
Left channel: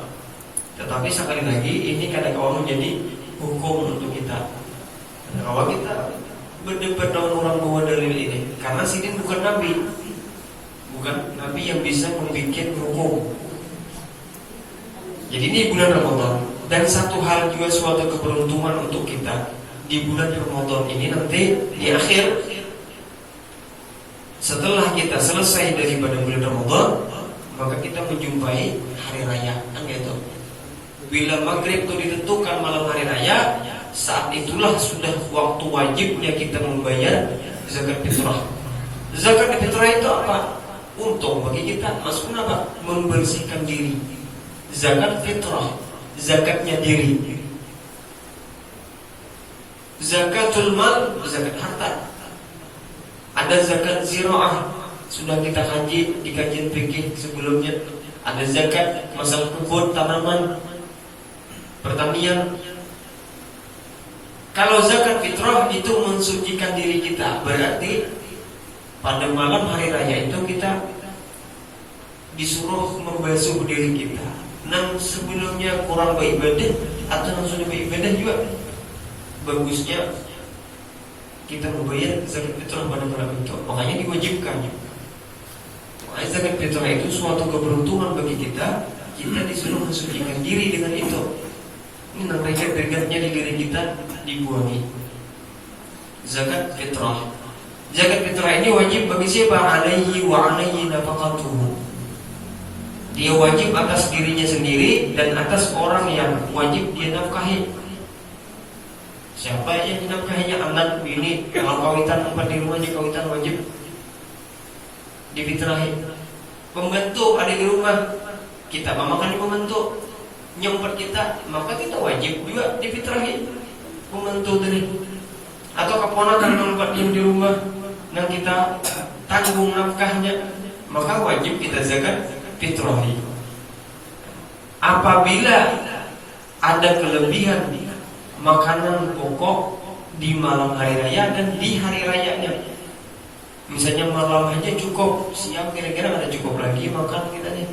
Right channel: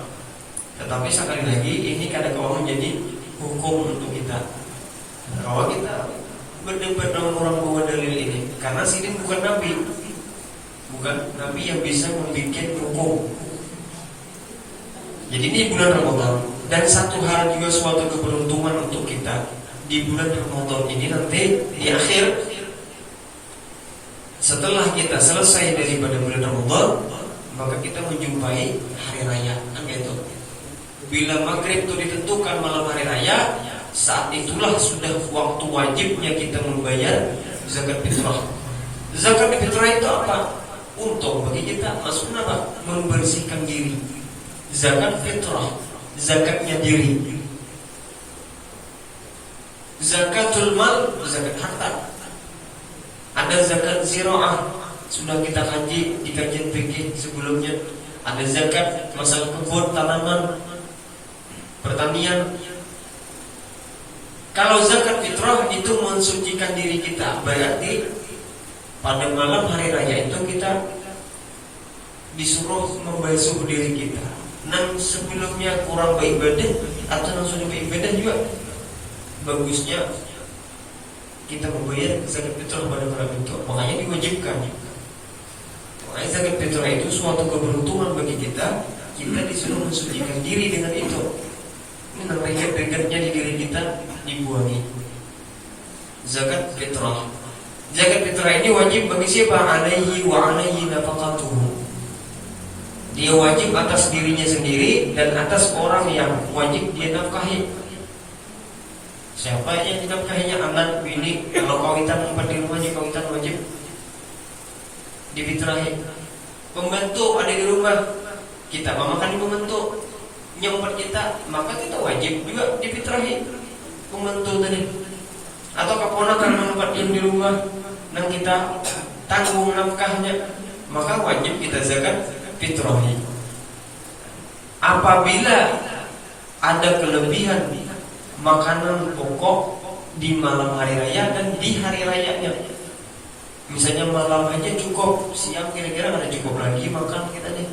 Tetapi sekali lagi ini kadang-kadang menjadi hukum untuk kita. Kalau kita berdebat dengan orang tua dalil ini, karena sini bukan Nabi yang bisa membuat hukum. Jadi ini bulan Ramadan, dan satu hal juga suatu keberuntungan untuk kita di bulan Ramadan ini nanti di akhir, setelah kita selesai daripada bulan Ramadan, maka kita menjumpai hari raya, kan gitu. Bila maghrib itu ditentukan malam hari raya, saat itulah sudah waktu wajibnya kita membayar zakat fitrah. Zakat fitrah itu apa? Untuk bagi kita maksudnya apa? Membersihkan diri. Zakat fitrah, zakatnya diri. Zakatul mal, zakat harta. Ada zakat ziraah, sudah kita kaji di kajian fikih sebelumnya. Ada zakat masalah kebun, tanaman, pertanian. Kalau zakat fitrah itu mensucikan diri kita, berarti pada malam hari raya itu kita disuruh membasuh diri kita. Nang sebelumnya kurang beribadah atau nang sudah beribadah juga, bagusnya kita membayar zakat fitrah pada malam itu. Makanya diwajibkan. Makanya zakat fitrah itu suatu keberuntungan bagi kita. Kita disuruh mensucikan diri dengan itu. Regat-regatnya di diri kita dibuangi. Zakat fitrah. Zakat fitrah ini wajib bagi siapa? Alaihi wa alaihi nafaqatuhu. Dia wajib atas dirinya sendiri dan atas orang yang wajib dia nafkahi. Siapa yang dinafkahinya? Anak, bini. Kalau kawitan tempat di rumahnya kawitan wajib difitrahi. Pembantu ada di rumah, kita makan di pembantu. Nyumpet kita, maka kita wajib juga difitrahi pembantu tadi. Atau keponakan menempatkan di rumah dan kita tanggung nafkahnya, maka wajib kita zakat fitrahi. apabila ada kelebihan makanan pokok di malam hari raya dan di hari rayanya, misalnya malam aja cukup, siang kira-kira ada cukup lagi makan kita nih,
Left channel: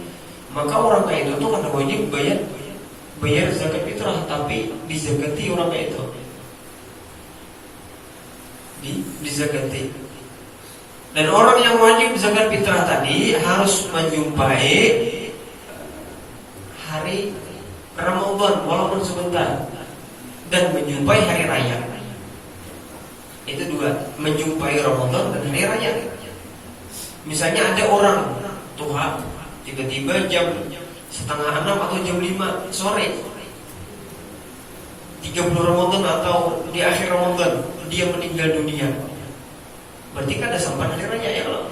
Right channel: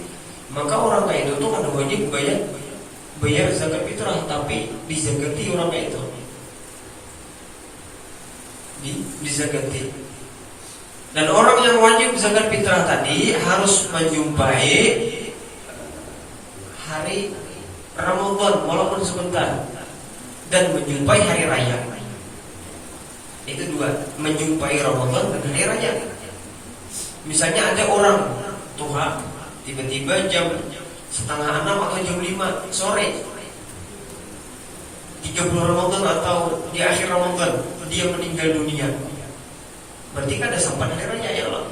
maka orang kaya itu tuh ada wajib bayar zakat fitrah, tapi dizakati orang kaya itu, dizakati. Dan orang yang wajib zakat fitrah tadi harus menjumpai hari Ramadan walaupun sebentar, dan menjumpai hari raya. Itu dua, menjumpai Ramadan dan hari raya. Misalnya ada orang tua tiba-tiba jam 5:30 atau jam 5 sore 30 Ramadan atau di akhir Ramadan dia meninggal dunia, berarti kan ada sempat hari raya ya Allah.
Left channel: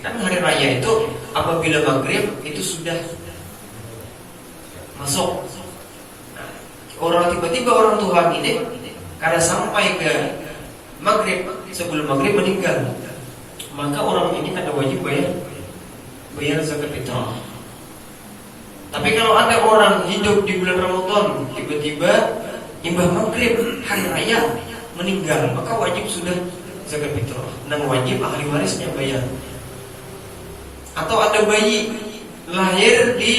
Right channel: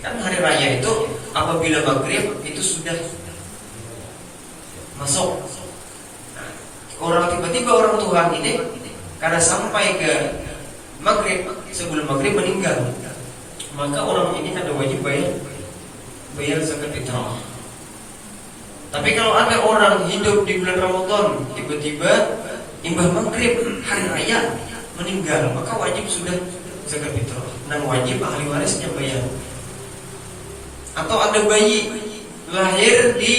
Kan hari raya itu apabila maghrib itu sudah masuk. Nah, orang tiba-tiba orang Tuhan ini karena sampai ke maghrib, sebelum maghrib meninggal, maka orang ini ada wajib bayar zakat fitrah. Tapi kalau ada orang hidup di bulan Ramadan tiba-tiba imbah maghrib hari raya meninggal, maka wajib sudah zakat fitrah dan wajib ahli warisnya bayar. Atau ada bayi lahir di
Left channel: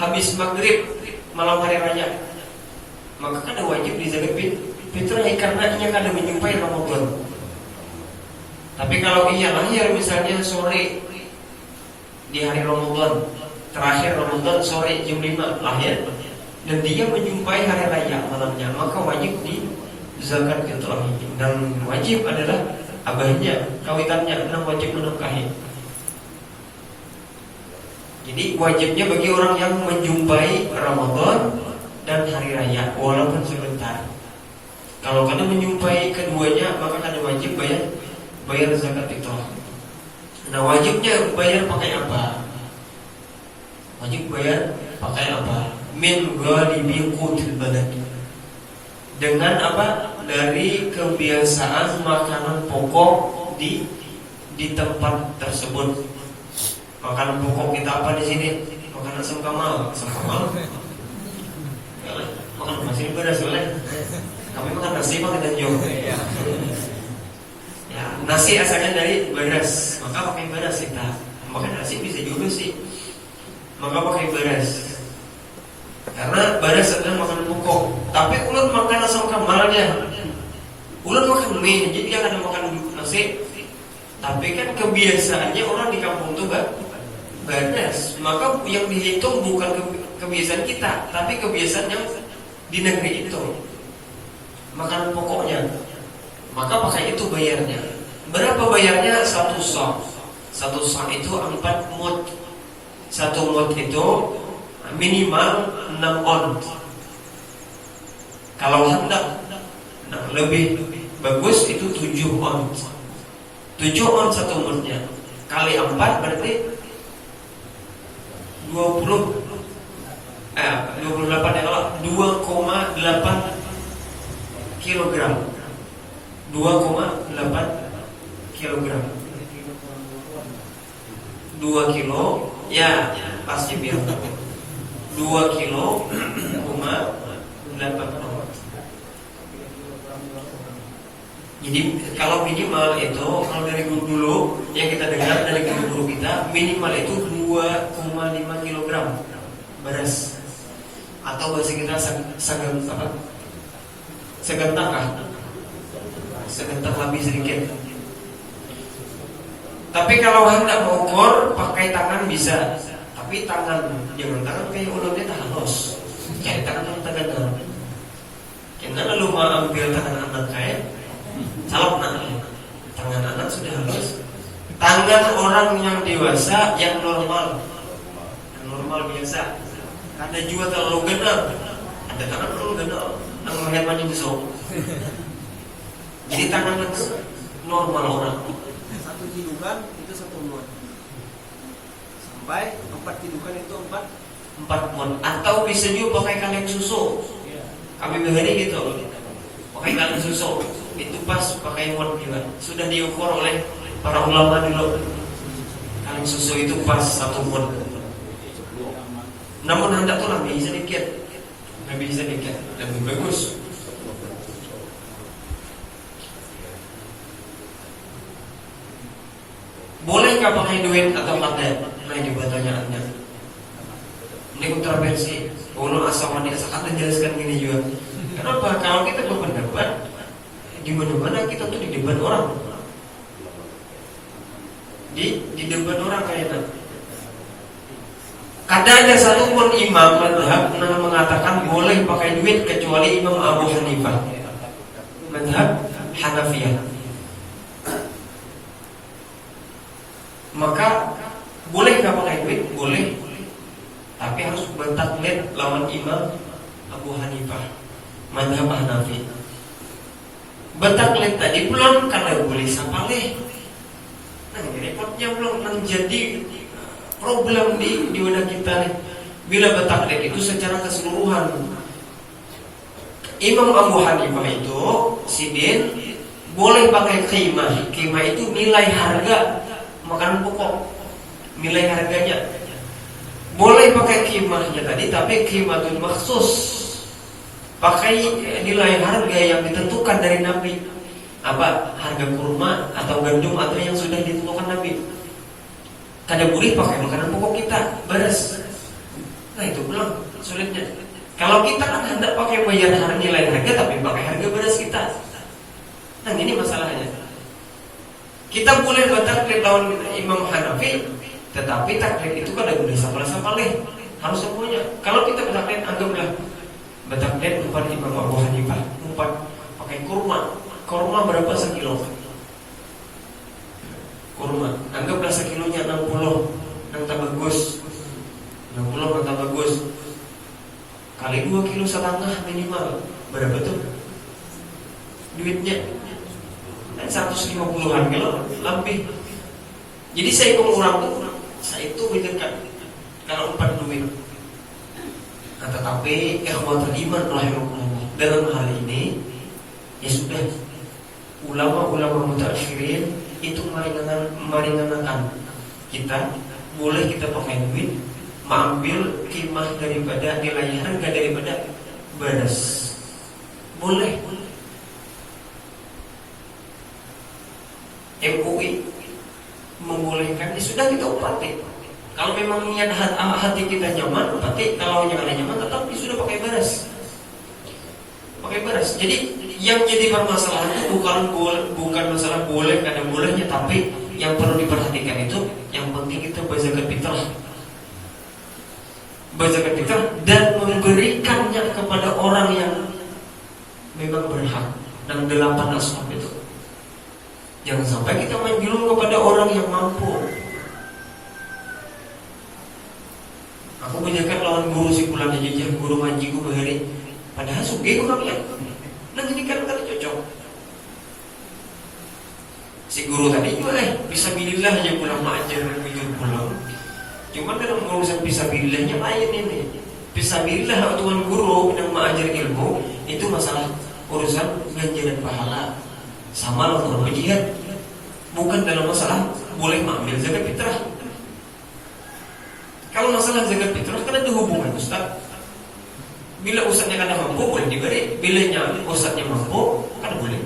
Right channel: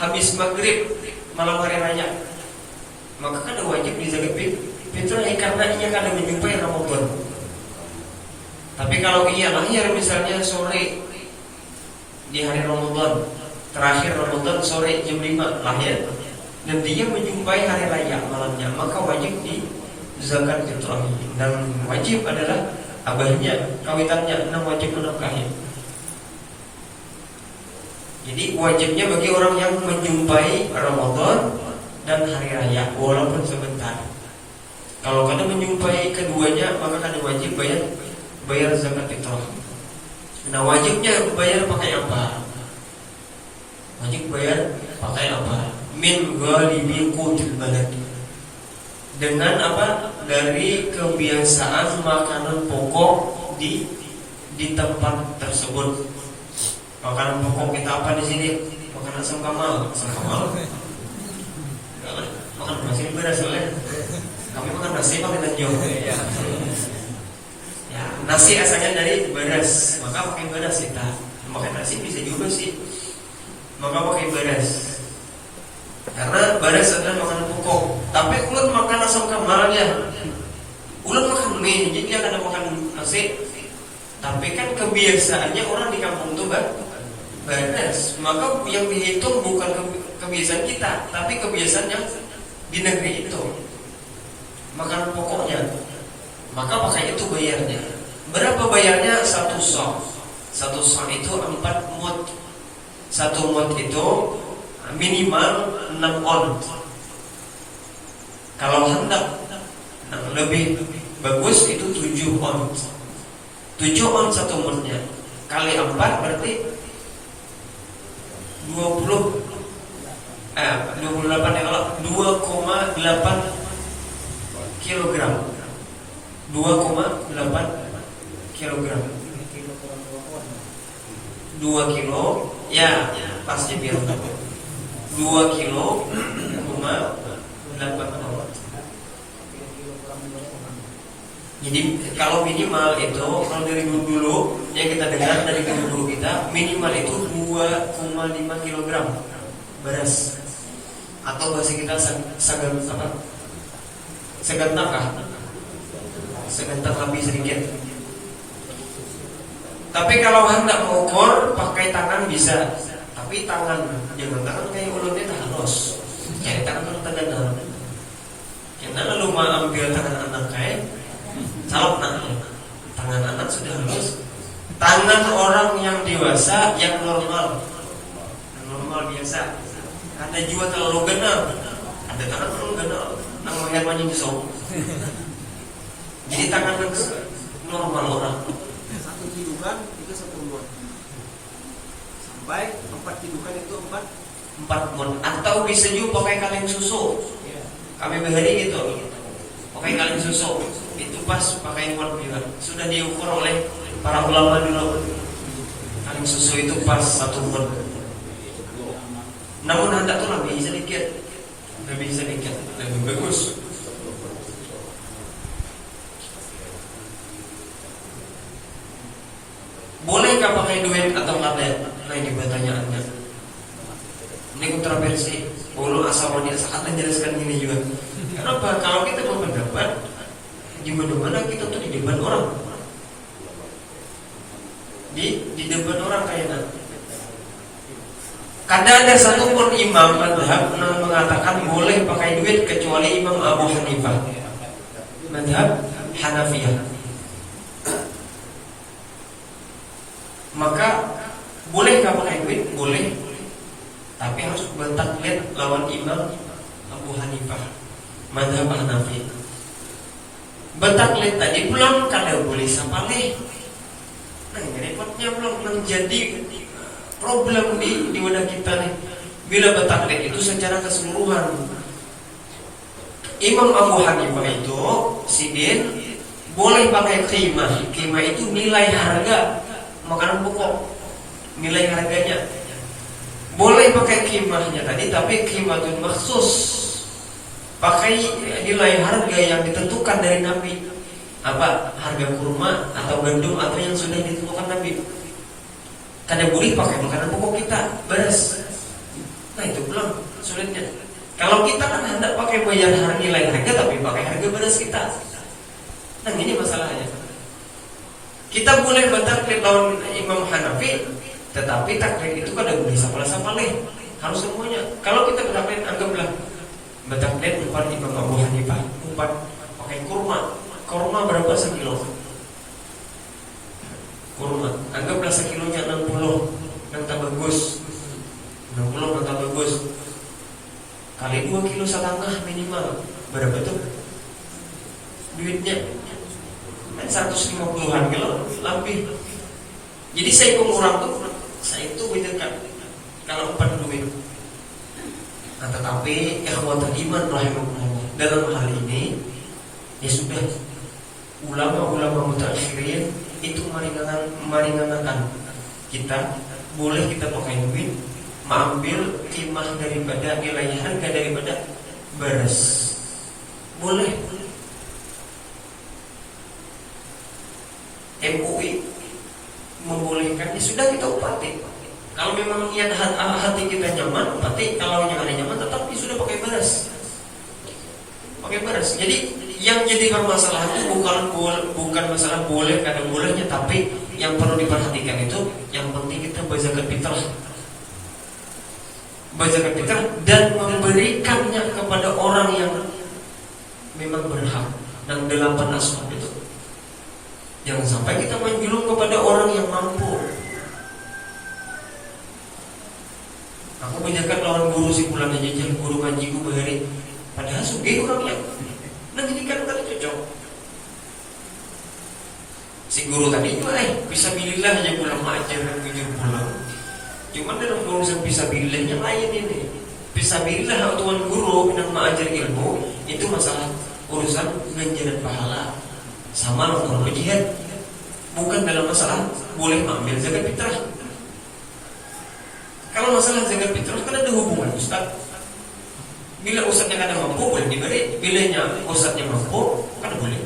habis maghrib malam hari raya, maka kan ada wajib di zakat fitrah karena ia kan menjumpai Ramadan. Tapi kalau ia lahir misalnya sore di hari Ramadan, terakhir Ramadan sore jam 5 lahir, dan dia menjumpai hari raya malamnya, maka wajib di zakat fitrah. Dan wajib adalah abahnya, kawitannya, dan wajib menafkahi. Jadi wajibnya bagi orang yang menjumpai Ramadan dan hari raya walaupun sebentar. Kalau kalian menjumpai keduanya, maka kalian wajib bayar zakat fitrah. Nah, wajibnya bayar pakai apa? Wajib bayar pakai apa? Min ghalibi qutil balad. Dengan apa? Dari kebiasaan makanan pokok di tempat tersebut. Makanan pokok kita apa di sini? Makanan asam kamal. Makan nasi beras lah. Kami makan nasi pakai tanjung. Ya, nasi asalnya dari beras, maka pakai beras kita. Makan nasi bisa juga sih, maka pakai beras. Karena beras adalah makanan pokok. Tapi ulun makan asam kamalnya, ulun makan mie, jadi dia kadang makan nasi. Tapi kan kebiasaannya orang di kampung itu beras, maka yang dihitung bukan kebiasaan kita, tapi kebiasaan yang di negeri itu, makanan pokoknya. Maka pakai itu bayarnya. Berapa bayarnya? 1 sa'. 1 sa' itu 4 mud. 1 mud itu minimal 6 on. Kalau hendak lebih bagus itu 7 on. 7 on 1 mudnya. Kali 4 berarti 28 ya, 2,8 kilogram. 2,8 kilogram. 2 kilo ya pasti biar 2 kilo 8 ton. Jadi kalau minimal itu, kalau dari dulu yang kita dengar dari guru-guru kita, minimal itu 2,5 kilogram beras, atau bahasa kita segentak lebih sedikit. Tapi kalau hendak mengukur pakai tangan bisa, tapi jangan tangan kayak ulunnya halus, kayak tangan terkenal. Kita lalu mau ambil tangan anak kayak salah tangan anak sudah halus. Tangan orang yang dewasa yang normal biasa. Ada juga terlalu genap, ada tangan terlalu genap, tangan banyak besok. Jadi tangan normal orang. 1 cidukan itu 1 mud. Sampai 4 cidukan itu 4 mud. Atau bisa juga pakai kaleng susu. Kami beri gitu. Pakai kaleng susu. Itu pas pakai mud juga. Sudah diukur oleh para ulama dulu. Kaleng susu itu pas 1 mud. Namun hendak tuh lebih sedikit, lebih bagus. Bolehkah pakai duit atau kada? Nah ini pertanyaannya. Ini kontroversi. Ulun asal wanita akan menjelaskan ini juga. Kenapa? Kalau kita berpendapat di mana-mana kita tuh di depan orang, di depan orang kayaknya. Kada ada satu pun imam madhab yang mengatakan boleh pakai duit kecuali Imam Abu Hanifah, madhab Hanafiyah. Maka boleh gak pakai duit? Boleh. Tapi harus bertaklid lawan Imam Abu Hanifah, madhab Hanafi. Bertaklid tadi belum kada boleh sapaleh. Nah ini repotnya belum menjadi problem di wadah kita nih. Bila bertaklid itu secara keseluruhan. Imam Abu Hanifah itu sidin boleh pakai qimah. Qimah itu nilai harga makanan pokok, nilai harganya. Boleh pakai qimahnya tadi, tapi qimah itu maksus, pakai nilai harga yang ditentukan dari Nabi. Apa? Harga kurma atau gandum atau yang sudah ditentukan Nabi. Kada boleh pakai makanan pokok kita, beras. Nah itu belum sulitnya. Kalau kita kan hendak pakai bayar nilai harga, tapi pakai harga beras kita. Nah ini masalahnya. Kita boleh bertaklid lawan Imam Hanafi, tetapi taklid itu kada boleh sapal-sapaleh, harus semuanya. Kalau kita bertaklid, anggaplah bertaklid depan Imam Abu Hanifah, umpat pakai kurma. Kurma berapa sekilo? Kurma, anggaplah sekilonya 60, yang tak bagus. 60 yang tak bagus. Kali 2,5 kilo minimal, berapa tuh? Duitnya 150-an kilo lebih. Jadi saya kurang tuh, saya itu bedakan kalau 4 duit. Nah, tetapi ikhwatul iman rahimahullah, dalam hal ini ya sudah, ulama-ulama mutaakhirin itu meringankan kita. Boleh kita pakai duit, mengambil qimah daripada nilai harga daripada beras. Boleh. MUI membolehkan, ya sudah kita upati. Kalau memang niat hati kita nyaman, upati. Kalau yang ada nyaman, tetap ya sudah pakai beras. Pakai beras. Jadi yang jadi permasalahan itu bukan masalah boleh kadang bolehnya, tapi yang perlu diperhatikan itu yang penting kita berzakat fitrah. Berzakat fitrah dan memberikannya kepada orang yang memang berhak. Dan 8 asbab itu. Jangan sampai kita menjulung kepada orang yang mampu. Aku menjaga lawan guru si pulang jajan, guru ngaji gue bahari. Padahal sugih kurang lain. Nah ini kan tadi cocok. Si guru tadi itu bisa bilillah aja pulang mengajar dan pikir pulang. Cuma dalam urusan bisa bilillahnya lain ini. Bisa bilillah tuan guru yang mengajar ilmu itu masalah urusan ganjaran pahala. Sama orang berjihad, bukan dalam masalah boleh mengambil zakat fitrah. Kalau masalah zakat fitrah kan ada hubungan Ustaz. Bila ustaznya kada mampu boleh diberi, bilanya ustaznya mampu kan boleh.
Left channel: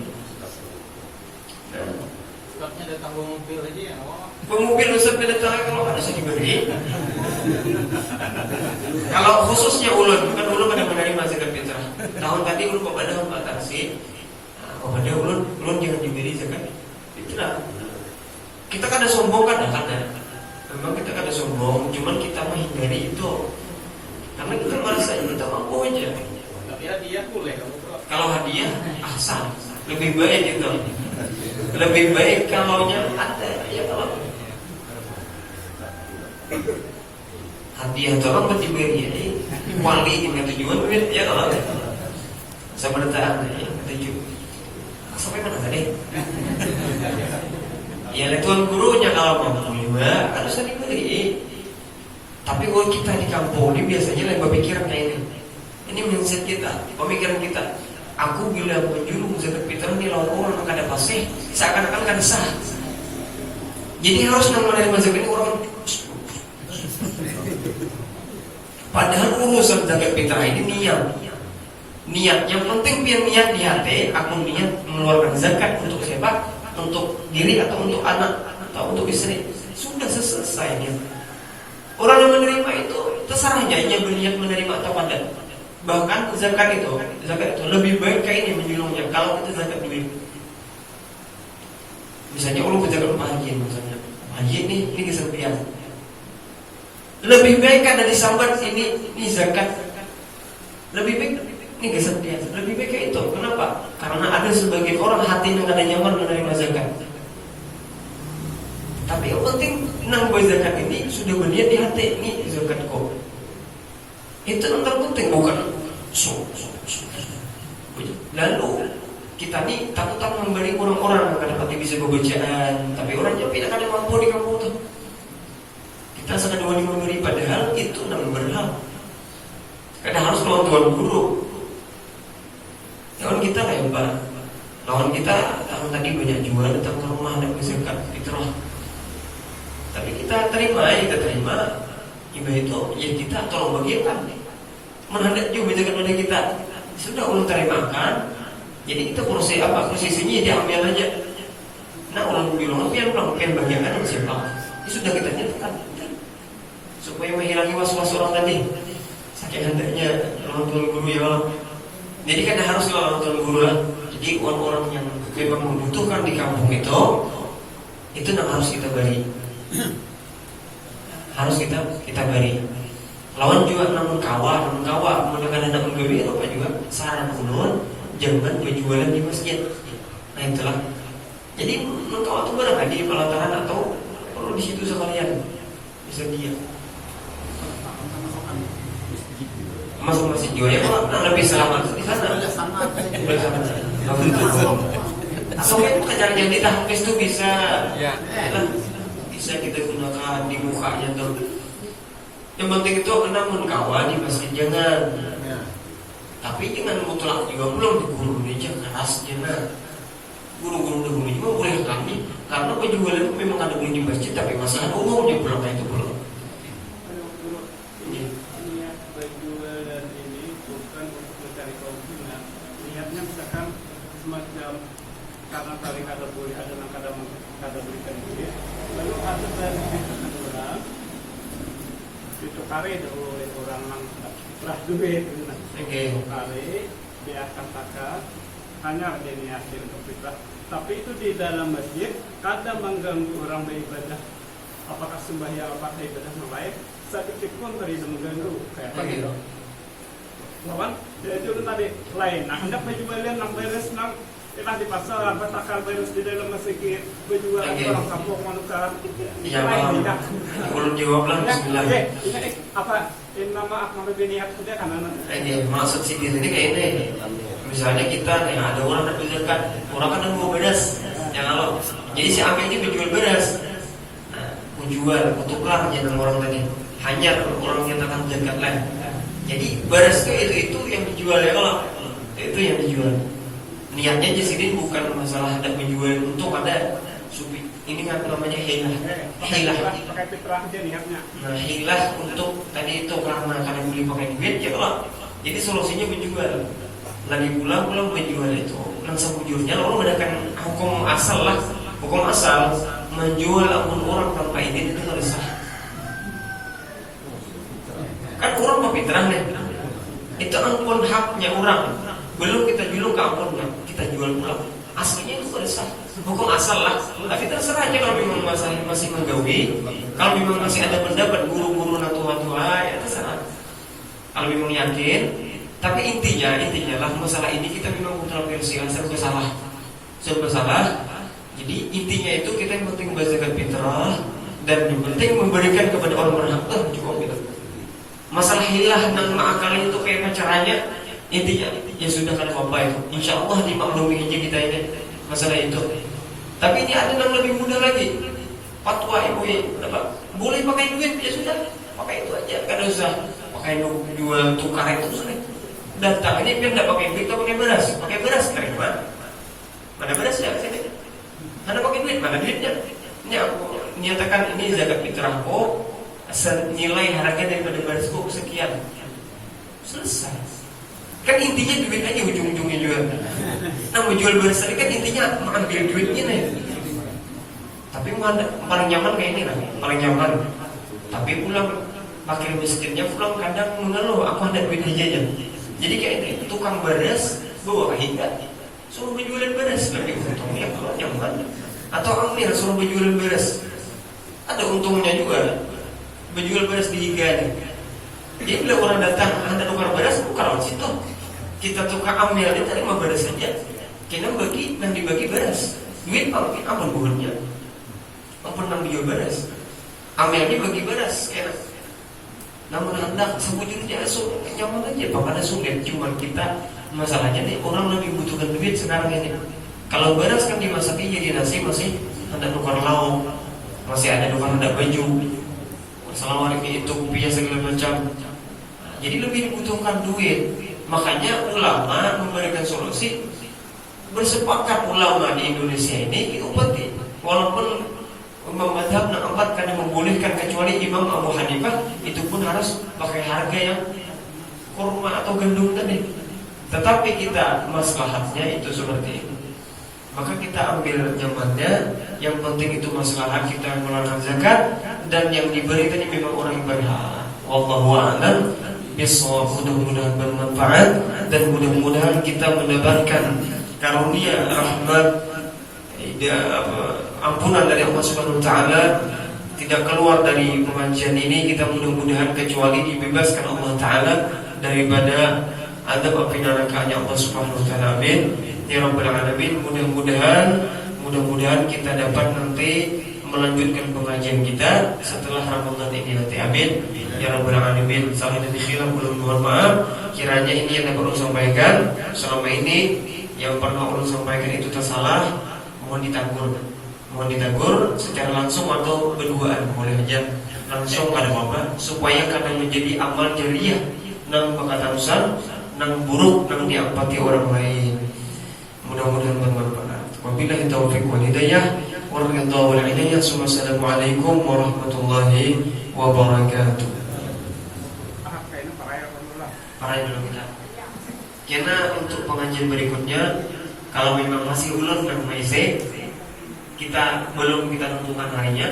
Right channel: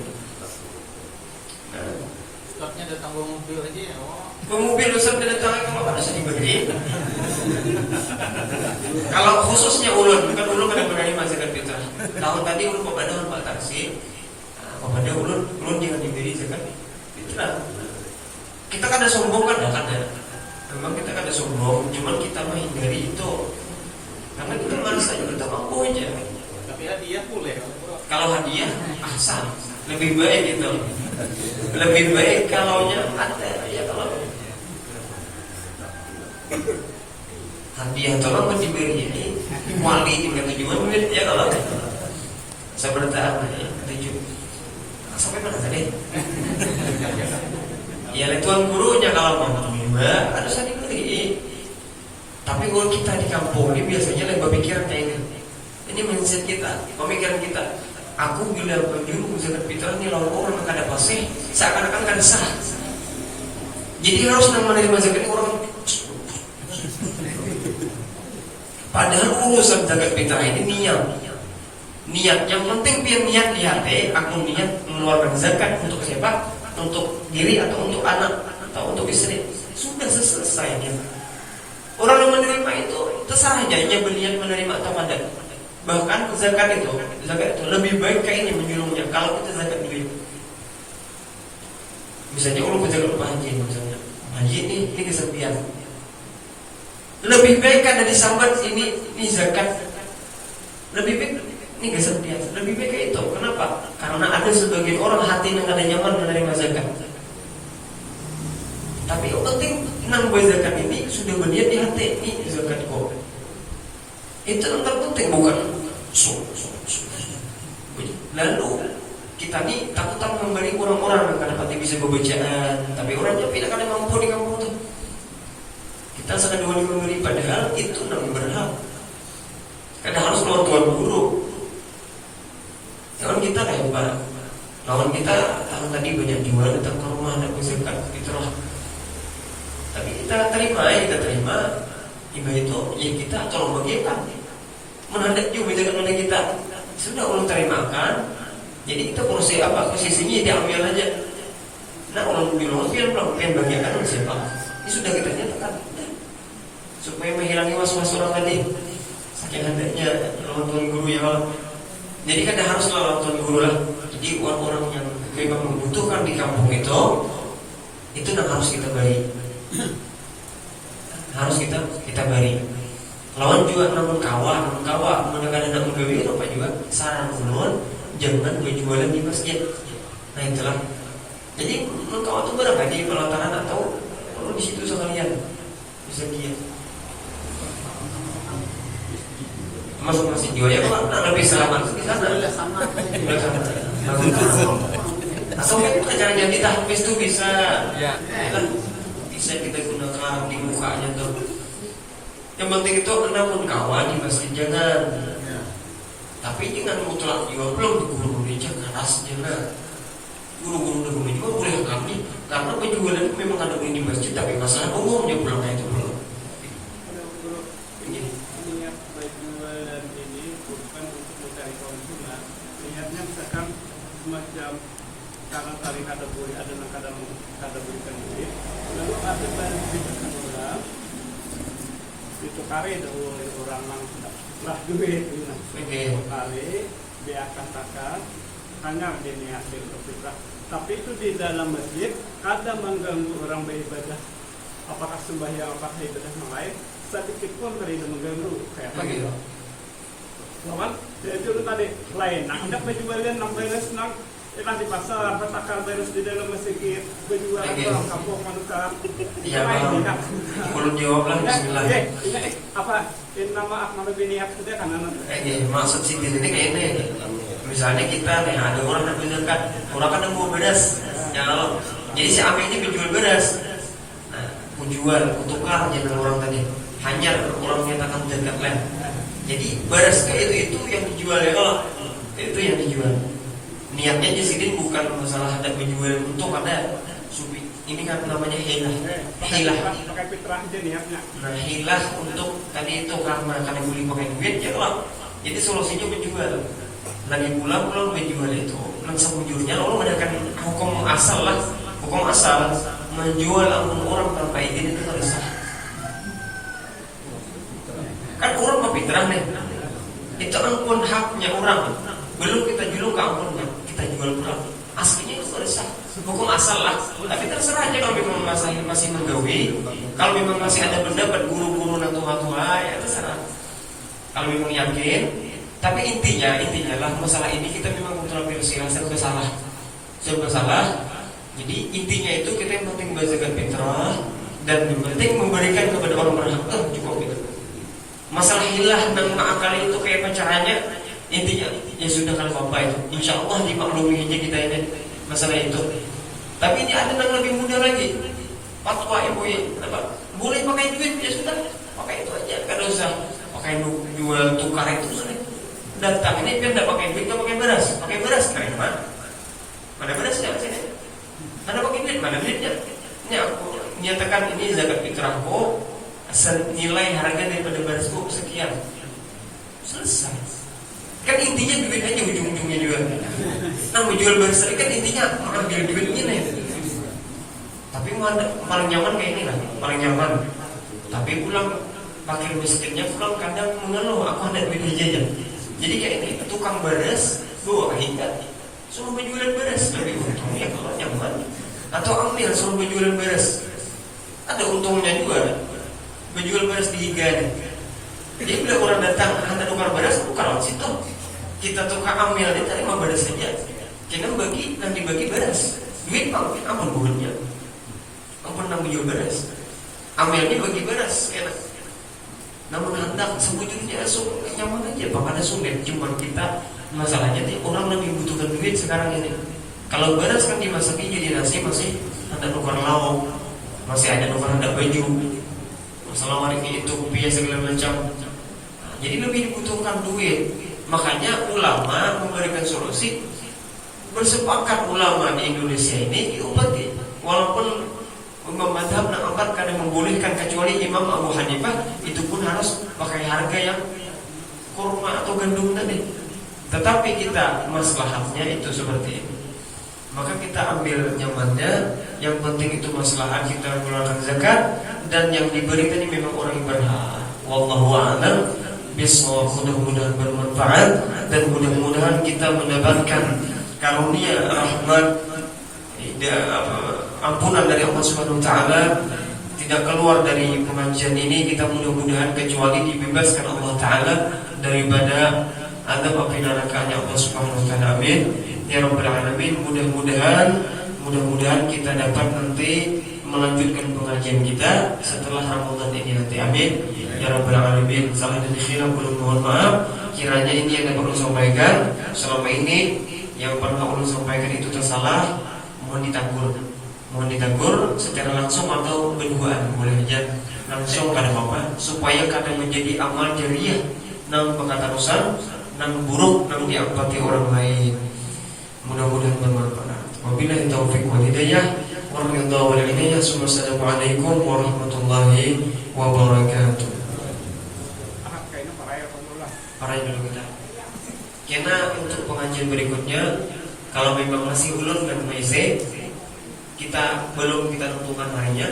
Ustaznya datang bawa mobil aja ya. Pemobil ustaznya datang kalau kada bisa diberi. Kalau khususnya ulun, kan ulun pada menerima zakat fitrah. Tahun tadi ulun kepada Pak Taksi. Kepada ulun jangan diberi zakat fitrah. Kita kada sombong kan? Kada. Memang kita kada sombong, cuman kita menghindari itu. Karena kita merasa kita mampu aja. Tapi hadiah boleh. Kalau hadiah asal lebih baik gitu. Lebih baik kalau ada ya kalau hadiah tolong diberi ini wali yang tujuan ya kalau saya bertahan ya tujuh. Sampai mana tadi? Ya tuan gurunya kalau mau terima harusnya diberi. Tapi kalau kita di kampung ini biasanya lagi berpikiran kayak ini. Ini mindset kita, pemikiran kita. Aku bila menjulung zakat fitrah ini lawan orang yang kada pasih, seakan-akan kada sah. Jadi harus menerima zakat orang. Padahal urusan zakat fitrah ini niat yang penting biar niat di hati. Aku niat mengeluarkan zakat untuk siapa? Untuk diri atau untuk anak atau untuk istri. Sudah selesai niat. Orang yang menerima itu terserah aja ia berniat menerima atau tidak. Bahkan zakat itu lebih baik kayak ini menyuruhnya kalau kita zakat duit. Misalnya orang berzakat Pak Haji, misalnya Haji ini kesepian. Lebih baik kan dari sambat ini zakat. Lebih baik ini kesepian. Lebih baik kayak itu. Kenapa? Karena ada sebagian orang hati yang ada nyaman menerima zakat. Tapi yang penting nang boy zakat ini sudah berniat di hati ini zakat kok. Itu yang terpenting bukan. Lalu kita nih takut memberi orang-orang yang dapat bisa bacaan, tapi orangnya tidak ada mampu di kampung tuh. Kita sekadar memberi padahal itu nang berhak. Karena harus lawan tuan guru. Lawan kita hebat. Lawan kita tahun tadi banyak jual kita ke rumah dan zakat itu loh. Tapi kita terima. Ibadah itu ya kita tolong bagikan. Menhendak juga zakat oleh kita. Sudah Allah terimakan. Jadi kita posisinya diambil aja. Nah orang bilang pengen bagian siapa? Ini sudah kita nyatakan supaya menghilangi was-was orang tadi. Saking hendaknya orang tuan guru ya malam. Jadi kan harus orang tuan guru lah. Jadi orang-orang yang memang membutuhkan di kampung itu harus kita beri. Harus kita beri. Lawan juga namun kawa mendengar anak menggawi apa juga saran ulun jangan berjualan di masjid. Nah itulah. Jadi engkau itu barang di pelataran atau perlu di situ sekalian bisa dia. Masuk-masuk jual ya kalau lebih selamat di sana. Atau kan jangan tahfiz itu bisa bisa kita gunakan di mukanya tuh. Yang penting itu anda pun kawan di masjid jangan. Tapi jangan mutlak juga belum guru gereja keras jangan. Guru-guru juga boleh kami karena penjualan itu memang ada di masjid tapi masalah umum dia pulang itu belum. Niat berjualan ini bukan untuk mencari keuntungan. Niatnya misalkan semacam karena paling kada boleh ada yang kada berikan duit. Lalu ada dari orang ditukari oleh orang yang lah duit ditukari dia katakan hanya dia niat untuk fitrah. Tapi itu di dalam masjid kadang mengganggu orang beribadah. Apakah sembahyang apakah ibadah yang lain sedikit pun tidak mengganggu kayak apa gitu. Lawan dia dulu tadi lain. Nah hendak penjualan nang beres nang ilah di pasar petakal beres di dalam masjid berjualan orang kampung manusia. Iya Pak. Belum jawab lah bismillah. Ini apa? Ini nama Ahmad bin Niat saja kan anak. Maksud sih ini kayak ini. Misalnya kita nih ada orang yang berzakat, orang kan yang mau beras. Ya kalau jadi si Ami ini menjual beras. Nah, menjual, tukar jadi orang tadi. Hanya orang yang akan zakat lah. Jadi beras itu yang dijual ya kalau itu yang dijual. Niatnya di sini bukan masalah hendak menjual untuk ada supi. Ini kan namanya hilah. Pakai fitrah aja niatnya. Nah hilah untuk tadi itu karena beli pakai duit ya kalau. Jadi solusinya menjual. Lagi pulang menjual itu. Dan sejujurnya lo mengadakan hukum asal lah. Hukum asal menjual akun orang tanpa izin itu harus sah. Kan orang mau fitrah nih. Itu akun haknya orang. Belum kita jual ke akunnya, kita jual pulang. Aslinya itu harus sah. Hukum asal lah. Tapi terserah aja kalau memang masih menggawi. Kalau memang masih ada pendapat guru-guru dan tua-tua ya terserah. Kalau memang yakin. Tapi intinya lah masalah ini kita memang kontroversial serba salah. Jadi intinya itu kita yang penting berzakat fitrah dan yang penting memberikan kepada orang berhak cukup gitu. Masalah hilah dan akal itu kayak caranya intinya ya sudah kalau apa itu. Insya Allah dimaklumi aja kita ini masalah itu. Tapi ini ada yang lebih mudah lagi. Fatwa MUI boleh pakai duit ya sudah pakai itu aja kan usah pakai jual tukar itu sudah. Datang ini kan tidak pakai duit, pakai beras terima. Mana beras ya sini? Mana pakai duit, mana duitnya? Ini aku nyatakan ini zakat fitrah kok. senilai harga daripada beras bu sekian, selesai. Kan intinya duit aja ujung-ujungnya juga. Nah menjual beras kan intinya mengambil duitnya nih. Tapi paling nyaman kayak ini kan, paling nyaman. Tapi pulang wakil miskinnya pulang kadang mengeluh, aku ada duit aja. Jadi kayak ini, tukang beras bawa hingga suruh berjualan beras lagi untungnya kalau nyaman. Atau ambil suruh berjualan beras, ada untungnya juga. Berjual beras di Hingga. Jadi bila orang datang anda tukar beras, tukar di situ. Kita tukar ambil dia terima beras saja. Kita bagi dan dibagi beras. Duit apa duitnya? Apa nang jual beras? Ambilnya bagi beras, enak. Namun hendak sebujurnya nyaman aja, apakah sulit? Cuma kita masalahnya nih orang lebih butuhkan duit sekarang ini. Kalau beras kan dimasaknya jadi nasi masih ada tukar lauk, masih ada tukar hendak baju. Selama ini itu kopiah segala macam. Nah, jadi lebih dibutuhkan duit. Makanya ulama memberikan solusi. Bersepakat ulama di Indonesia ini diobati. Walaupun Imam Madhab dan obat kadang membolehkan kecuali Imam Abu Hanifah itu pun harus pakai harga yang kurma atau gandum tadi. Tetapi kita maslahatnya itu seperti ini. Maka kita ambil nyamannya. Yang penting itu masalah kita mengeluarkan zakat. Dan yang diberi tadi memang orang yang berhak. Wallahu a'lam bishawab. Mudah-mudahan bermanfaat dan mudah-mudahan kita mendapatkan karunia rahmat ampunan dari Allah Subhanahu wa taala. Tidak keluar dari pengajian ini kita mudah-mudahan kecuali dibebaskan Allah taala daripada adab api neraka-Nya Allah Subhanahu wa taala. Amin ya rabbal alamin. Mudah-mudahan kita dapat nanti melanjutkan pengajian kita setelah Ramadan ini nanti. Amin ya rabbal alamin. Salah dan khilaf belum, mohon maaf. Kiranya ini yang dapat saya sampaikan selama ini, yang pernah ulun sampaikan itu tersalah, mohon ditegur secara langsung atau berduaan, boleh aja langsung pada Bapak supaya kadang menjadi amal jariah nang perkataan usang nang buruk nang diampati orang lain. Mudah-mudahan bermanfaat. Wabillahi taufiq wal hidayah. Wassalamualaikum warahmatullahi wabarakatuh. Para dulu kita. Karena untuk pengajian berikutnya, kalau memang masih ulun dan masih kita belum kita tentukan harinya,